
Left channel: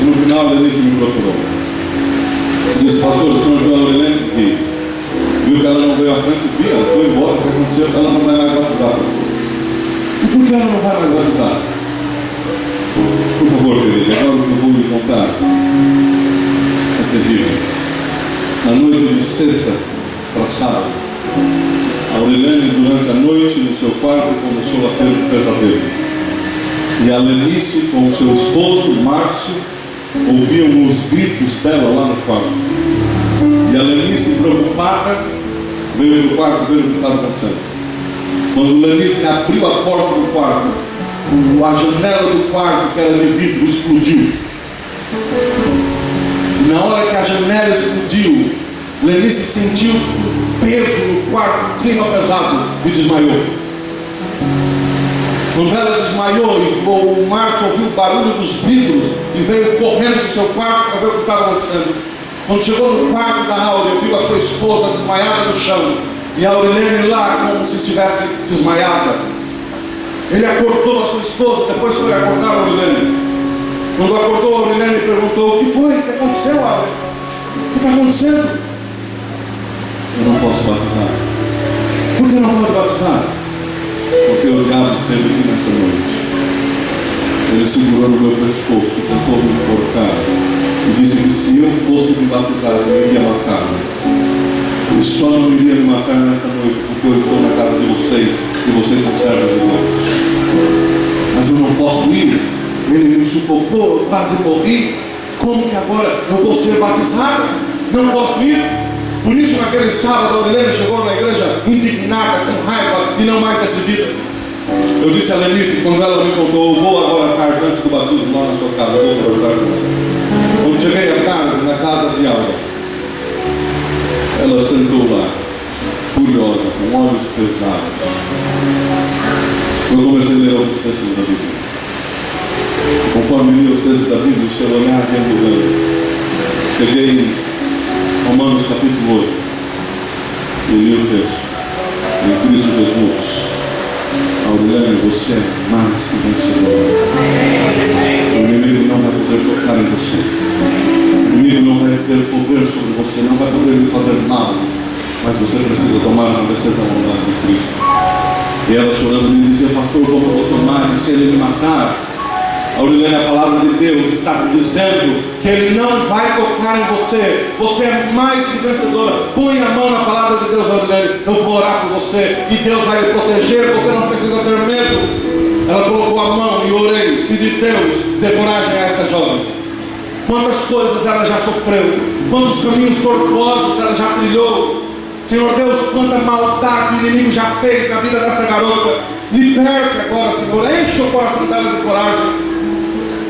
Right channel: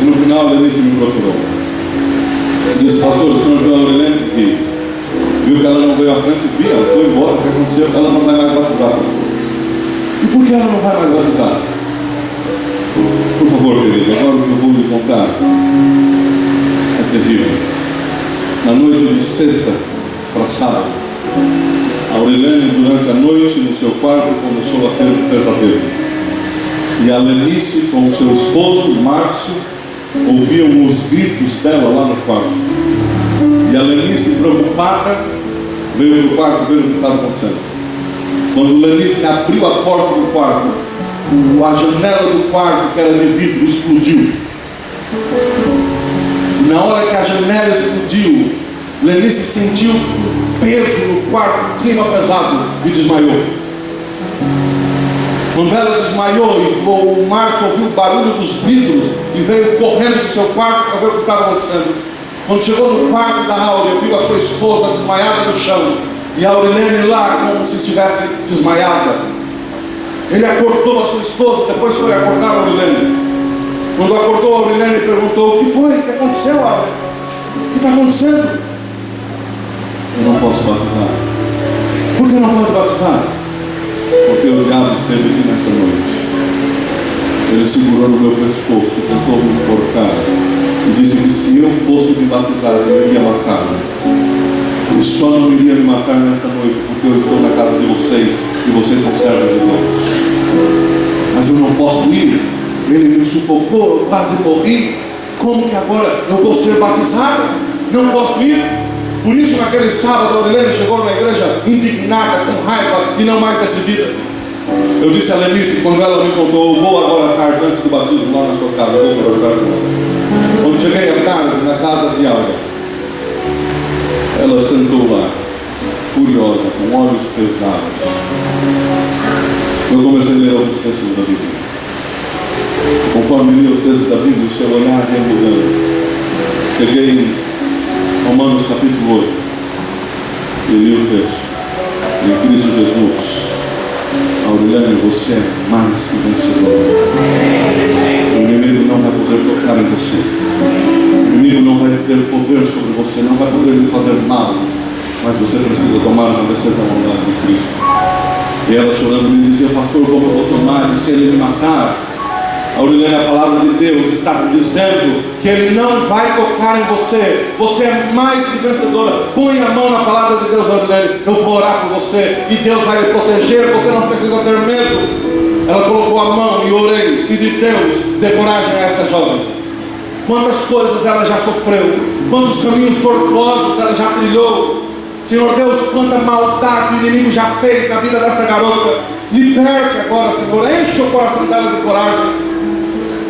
E no final a Lenice me procurou. Eu disse: pastor, o senhor viu a Aurilene? Vi. Viu que ela não veio à frente? Vi, ela foi embora. O que aconteceu? Ela não vai mais batizar. E por que ela não vai mais batizar? Por favor, querido, agora o que eu vou lhe contar é terrível. Na noite de sexta para sábado, a Aurilene, durante a noite, no seu quarto, começou a ter um pesadelo. E a Lenice, com o seu esposo, Márcio, ouviam os gritos dela lá no quarto. E a Lenice, preocupada, veio para o quarto ver o que estava acontecendo. Quando Lenice abriu a porta do quarto, a janela do quarto, que era de vidro, explodiu. Na hora que a janela explodiu, Lenice sentiu peso no quarto, um clima pesado, e desmaiou. Quando ela desmaiou e o Márcio ouviu o barulho dos vidros e veio correndo para o seu quarto para ver o que estava acontecendo. Quando chegou no quarto da Áurea, viu a sua esposa desmaiada no chão e a Aurilene lá como se estivesse desmaiada. Ele acordou a sua esposa, depois foi acordar a Aurilene. Quando acordou, a Aurilene perguntou: o que foi? O que aconteceu, Áurea? O que está acontecendo? Eu não posso batizar. Por que não pode batizar? Porque o diabo esteve aqui nessa noite. Ele segurou no meu pescoço e tentou me enforcar. E disse que se eu fosse me batizar, ele iria matar-me. Ele só não iria me matar nesta noite porque eu estou na casa de vocês e vocês são servos de Deus. Mas eu não posso ir. Ele me sufocou, eu quase morri. Como que agora eu vou ser batizado? Não posso ir. Por isso, naquele sábado, a Aurilene chegou na igreja indignada, com raiva e não mais decidida. Eu disse a Lenice, quando ela me contou: eu vou agora à tarde, antes do batismo, lá na sua casa, eu vou conversar com ela. Quando cheguei à tarde, na casa de Áurea, ela sentou lá, furiosa, com olhos pesados. Eu comecei a ler alguns textos da Bíblia. Conforme lia os textos da Bíblia, o seu olhar ia mudando. Cheguei em Romanos capítulo 8, e li o texto. Em Cristo Jesus, Aurilene, você é mais que vencedor. O inimigo não vai poder tocar tocar em você. O inimigo não vai ter poder sobre você, não vai poder lhe fazer mal, mas você precisa tomar uma decisão ao lado de Cristo. E ela chorando me dizia: pastor, como eu vou tomar? E se ele me matar? Aurilene, a palavra de Deus está dizendo que Ele não vai tocar em você. Você é mais que vencedora. Põe a mão na palavra de Deus, Aurilene. Eu vou orar por você e Deus vai lhe proteger. Você não precisa ter medo. Ela colocou a mão e orei. E de Deus dê coragem a esta jovem. Quantas coisas ela já sofreu, quantos caminhos tortuosos ela já trilhou. Senhor Deus, quanta maldade o inimigo já fez na vida dessa garota. Liberte agora, Senhor. Enche o coração dela de coragem.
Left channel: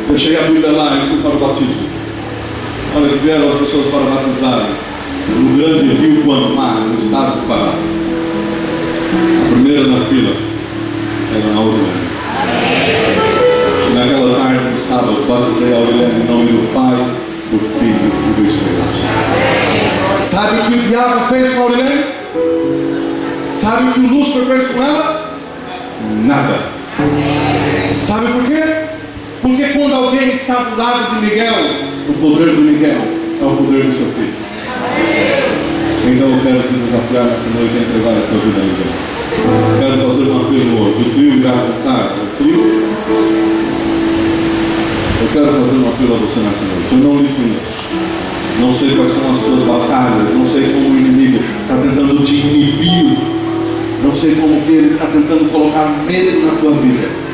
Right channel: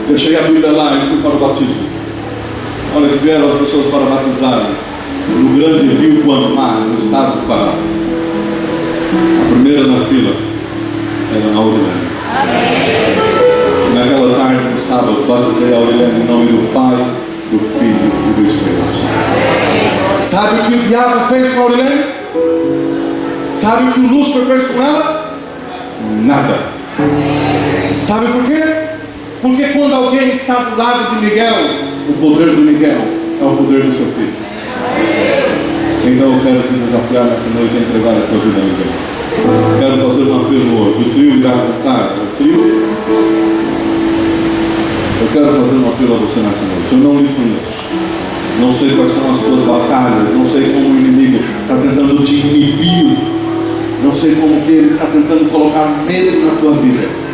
Deixei a Bíblia lá e fui para o batismo. Olha que vieram as pessoas para batizarem no grande rio Guamá, no estado do Pará. A primeira na fila era a Aurilene. Naquela tarde de sábado, batizei a Aurilene em nome do Pai, do Filho e do Espírito Santo. Sabe o que o diabo fez com a Aurilene? Sabe o que o Lúcifer fez com ela? Nada. Sabe por quê? Porque quando alguém está do lado de Miguel, o poder do Miguel é o poder do seu filho. Então eu quero te desafiar nessa noite a entregar a tua vida a Miguel. Quero fazer um apelo hoje. O trio irá cantar. O trio. Eu quero fazer um apelo a você nessa noite. Eu não lhe conheço. Não sei quais são as tuas batalhas. Não sei como o inimigo está tentando te inibir. Não sei como que ele está tentando colocar medo na tua vida.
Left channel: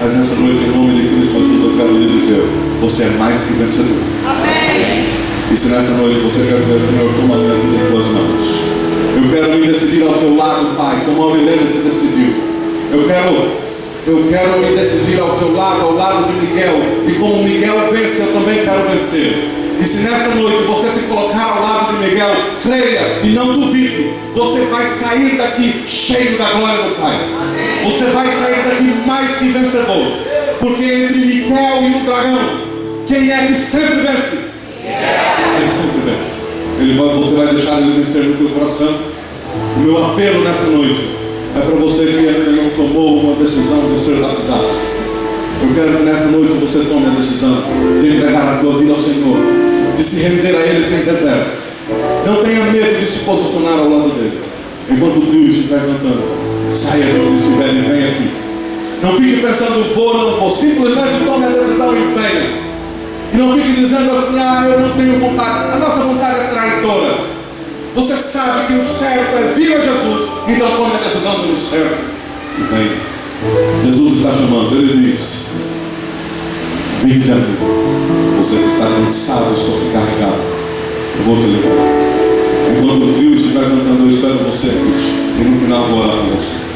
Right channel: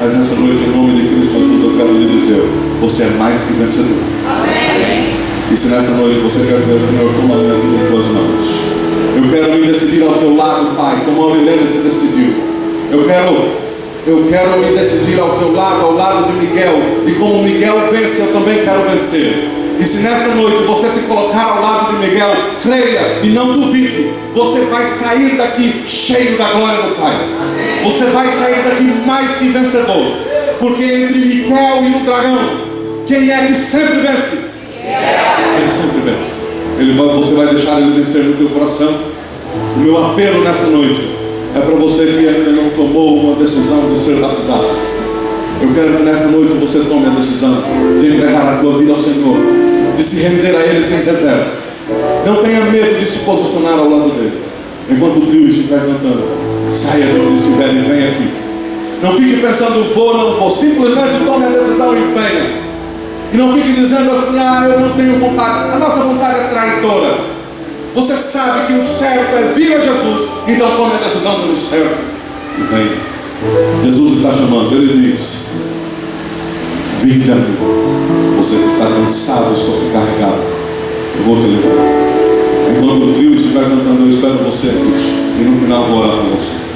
Mas nessa noite, em nome de Cristo Jesus, eu quero lhe dizer: você é mais que vencedor. Amém. E se nessa noite você quer dizer: Senhor, toma a minha vida em tuas mãos. Eu quero me decidir ao teu lado, Pai, como a Aurilene se decidiu. Eu quero me decidir ao teu lado, ao lado de Miguel. E como Miguel vence, eu também quero vencer. E se nessa noite você se colocar ao lado de Miguel, creia e não duvide, você vai sair daqui cheio da glória do Pai. Você vai sair daqui mais que vencedor. Porque entre Miguel e o dragão, quem é que sempre vence? Ele sempre vence. Você vai deixar ele vencer no teu coração. O meu apelo nessa noite é para você que ainda não tomou uma decisão de ser batizado. Eu quero que nessa noite você tome a decisão de entregar a tua vida ao Senhor, de se render a Ele sem reservas. Não tenha medo de se posicionar ao lado dele. Enquanto o trio estiver cantando, saia de onde estiver e venha aqui. Não fique pensando: vou, não vou. Simplesmente tome a decisão e venha. E não fique dizendo assim: eu não tenho vontade. A nossa vontade é traidora. Você sabe que o certo é vir a Jesus, então tome a decisão pelo certo e venha. Jesus está chamando. Ele diz: vinde a mim, você que está cansado e sobrecarregado, eu vou te levar. Enquanto o trio estiver cantando, eu espero você aqui. E no final vou orar por você.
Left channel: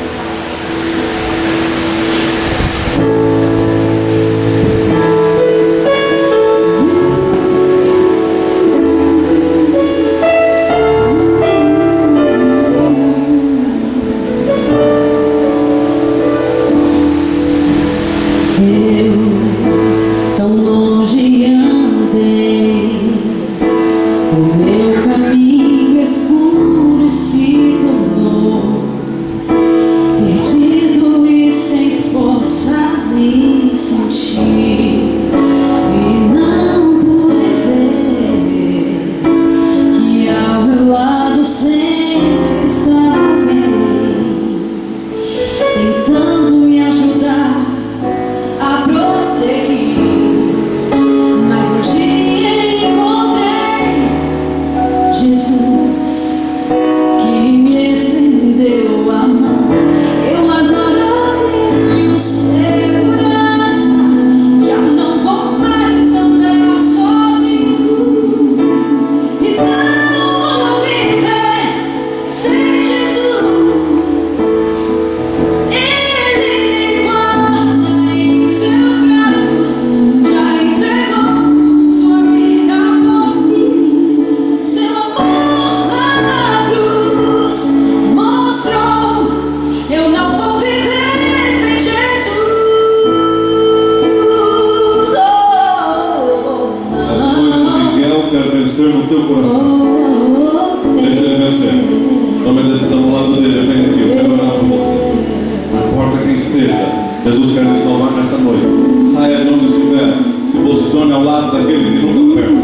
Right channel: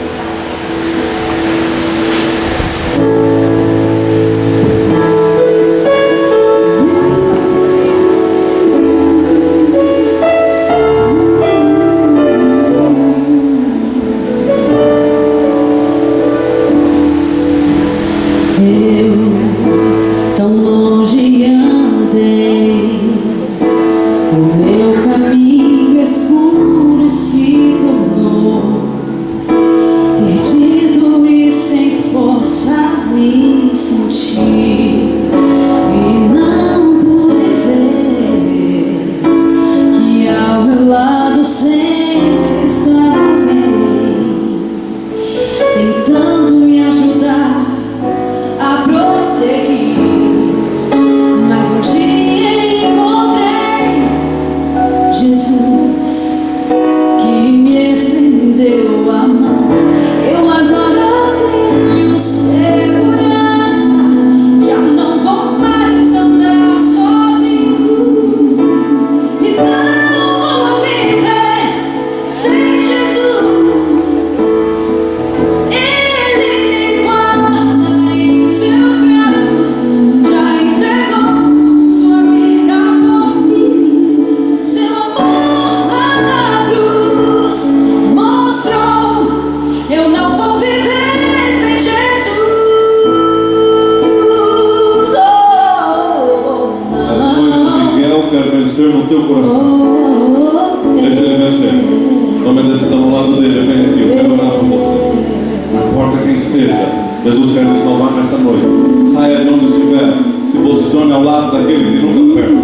Jesus quer te salvar nessa noite. Saia de onde estiver, se posicione ao lado daquele que nunca perde.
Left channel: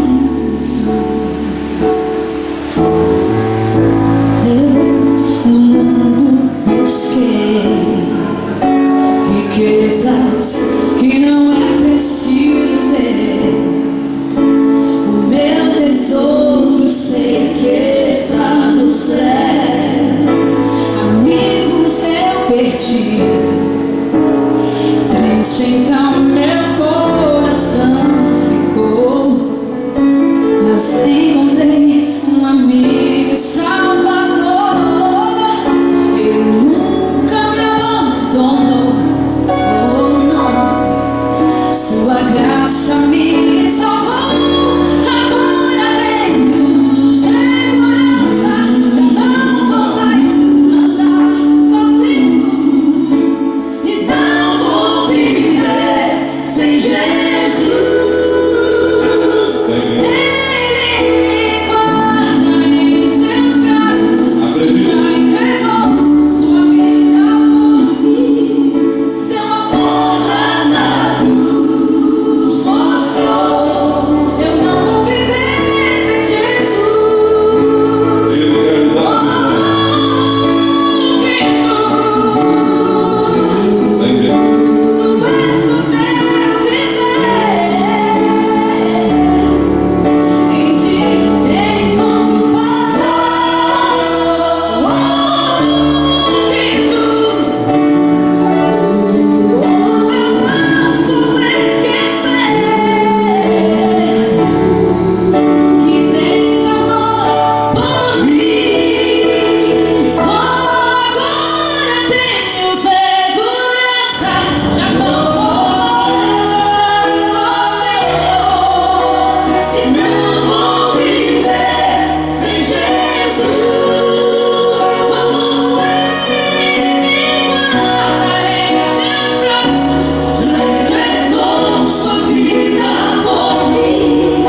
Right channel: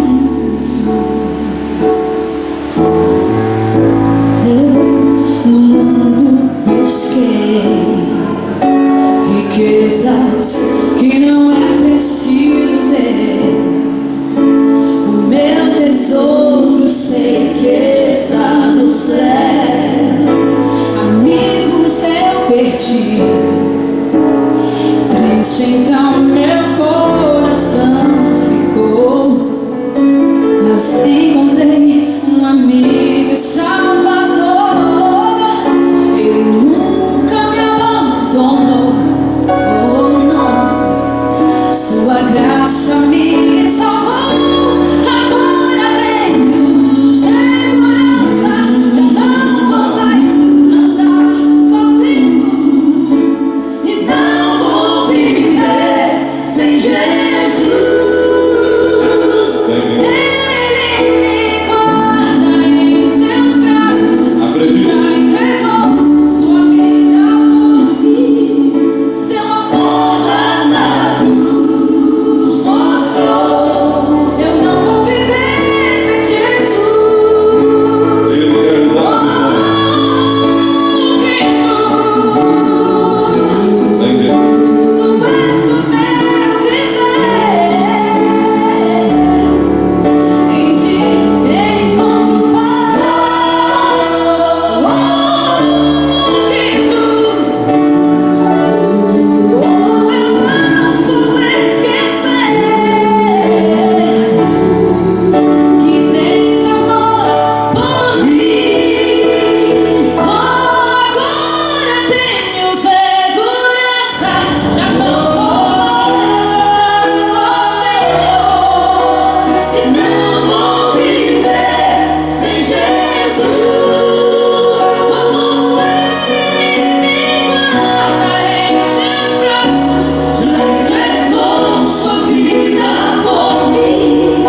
No mundo busquei riquezas que não é preciso ter. O meu tesouro sei que está no céu. Amigos eu perdi, triste então meu coração ficou, mas encontrei um amigo e salvador. Ele nunca me abandonou, oh não. Sua graça me salvou. Agora tenho segurança, já não vou mais andar sozinho e não vou viver sem Jesus. Ele me guarda em seus braços. Acredite. Já entregou sua vida por mim. Seu amor lá na cruz mostrou. Eu não vou viver sem Jesus. Ele quer lhe dar Oh, Cristo, a igreja. Tu és o meu viver. Em Ti encontro paz. Oh, Cristo, oh, eu não vou esquecer que tens amor por mim. Oh, agora tenho segurança, já não vou mais andar sozinho e não vou viver sem Jesus. Oh, Ele me guarda em seus braços, já entregou sua vida por mim.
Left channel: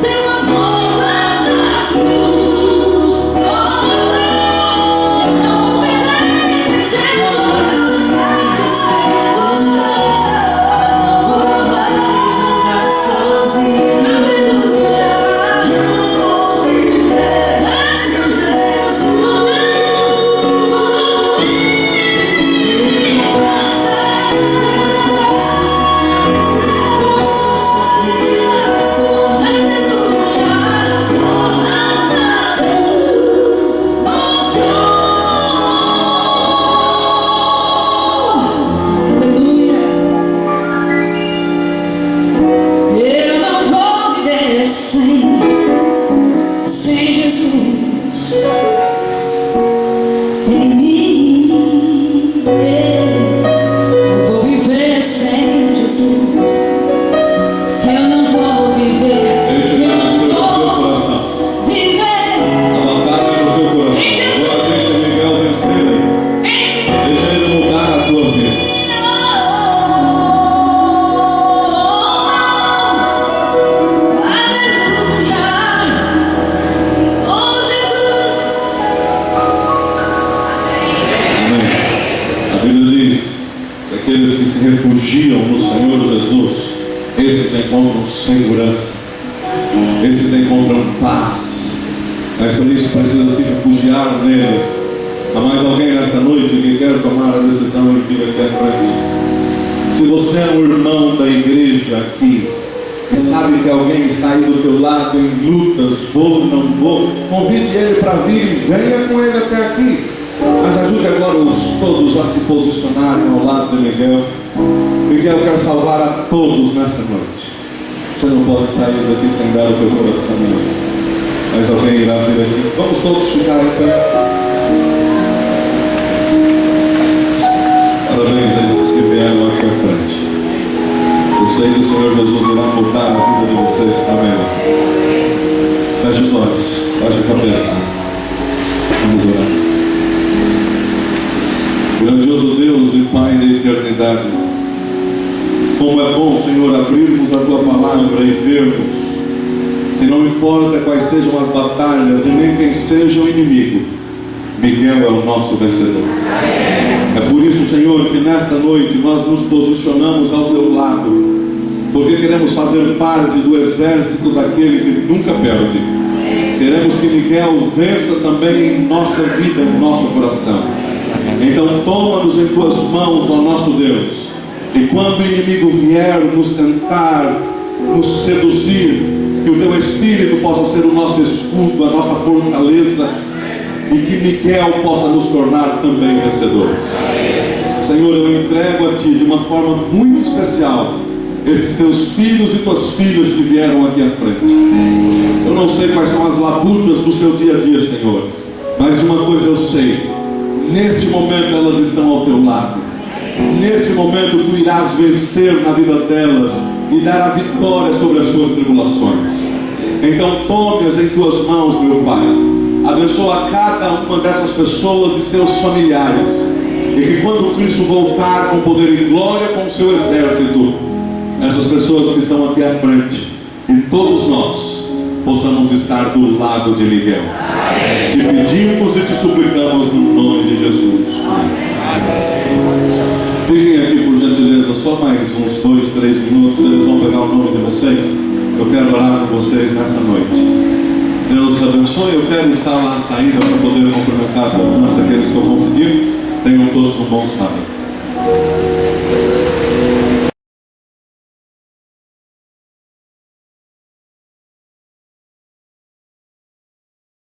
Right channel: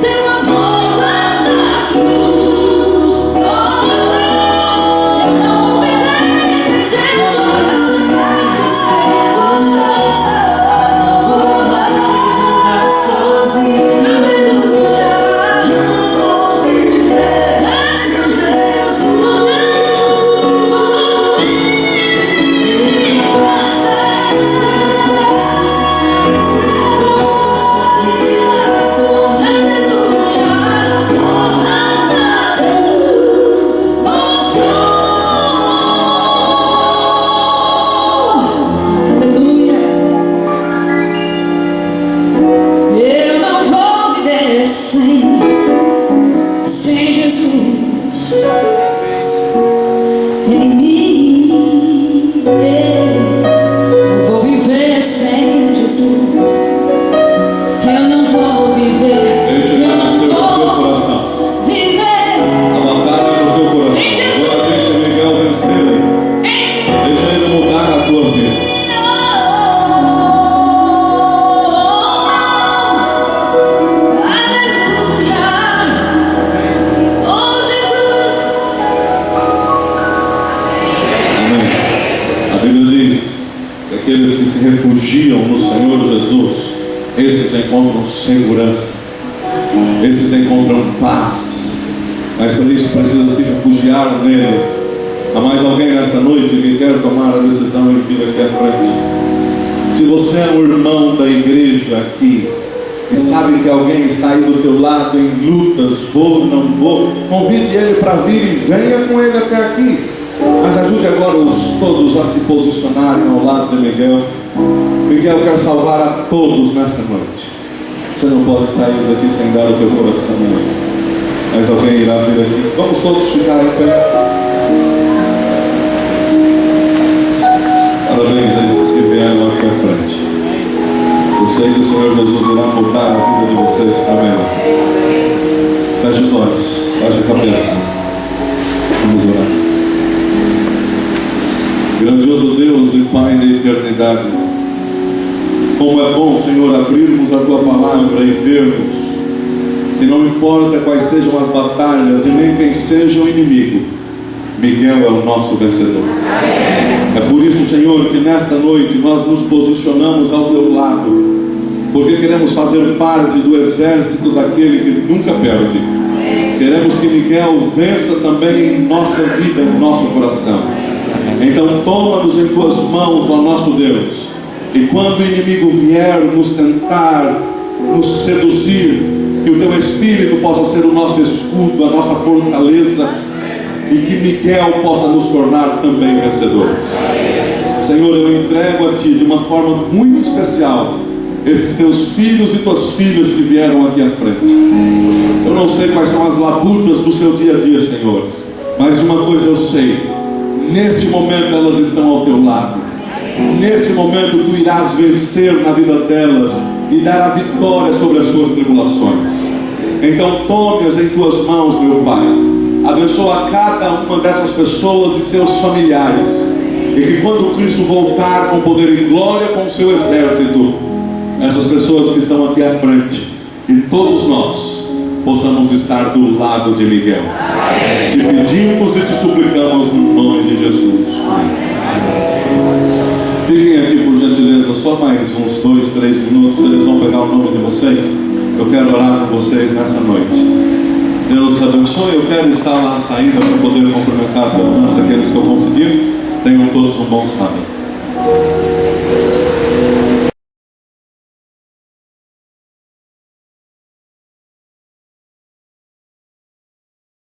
Seu amor lá na cruz mostrou. Eu não vou viver sem Jesus. Segurança, não vou mais andar sozinho. Aleluia. Não vou viver sem Jesus. Ele me guarda em seus braços. Aleluia. Eu não vou viver sem Jesus em mim. Não vou viver sem Jesus. Eu não vou viver. Deixa ele Eu não nascer no teu vou coração. viver A batalha é no teu coração. sem Jesus Agora deixa Miguel vencer aí. em mim. Deixa ele mudar a tua vida. Amém. A Bíblia diz que aqueles que se refugiam no Senhor Jesus, esses encontram segurança, esses encontram paz. Mas para isso precisa se refugiar nele. Há mais alguém nesta noite que quer tomar a decisão e vir aqui à frente? Se você é um irmão da igreja aqui e sabe que alguém está aí do teu lado em lutas, vou, não vou, convide ele para vir e venha com ele até aqui. Mas ajude agora todos a se posicionarem ao lado de Miguel. Miguel quer salvar a todos nesta noite. Você não pode sair daqui sem dar o teu coração a ele. Mas alguém irá vir aqui. Vamos todos ficar em pé. Parabéns a esses que vieram aqui à frente. Eu sei que o Senhor Jesus irá mudar a vida de vocês para melhor. Feche os olhos, baixe a cabeça. Vamos orar. Grandioso Deus e Pai da eternidade, como é bom, Senhor, abrirmos a Tua palavra e vermos que não importa quais sejam as batalhas e nem quem seja o inimigo, Miguel é o nosso vencedor. É por isso, Senhor, que nesta noite nós nos posicionamos ao Teu lado porque queremos fazer parte do exército daquele que nunca perde. Queremos que Miguel vença também em nossa vida, em nosso coração. Então toma-nos em tuas mãos, ó nosso Deus, e quando o inimigo vier nos tentar, nos seduzir, que o teu Espírito possa ser o nosso escudo, a nossa fortaleza, e que Miguel possa nos tornar também vencedores. Senhor, eu entrego a Ti de uma forma muito especial esses teus filhos e tuas filhas que vieram aqui à frente. Eu não sei quais são as labutas do seu dia a dia, Senhor, mas de uma coisa eu sei: neste momento elas estão ao teu lado. Neste momento tu irás vencer na vida delas e dar a vitória sobre as suas tribulações. Então tome-as em tuas mãos, meu Pai. Abençoa cada uma dessas pessoas e seus familiares, e que quando Cristo voltar com poder e glória com o seu exército, essas pessoas que estão aqui à frente e todos nós possamos estar do lado de Miguel. Te pedimos e te suplicamos no nome de Jesus. Fiquem aqui por gentileza só mais uns 2, 3 minutos. Eles vão pegar o nome de vocês. Eu quero orar com vocês nessa noite. Deus abençoe. Eu quero estar lá saindo para poder cumprimentar pelo menos aqueles que eu conseguir. Tenham todos um bom sábado.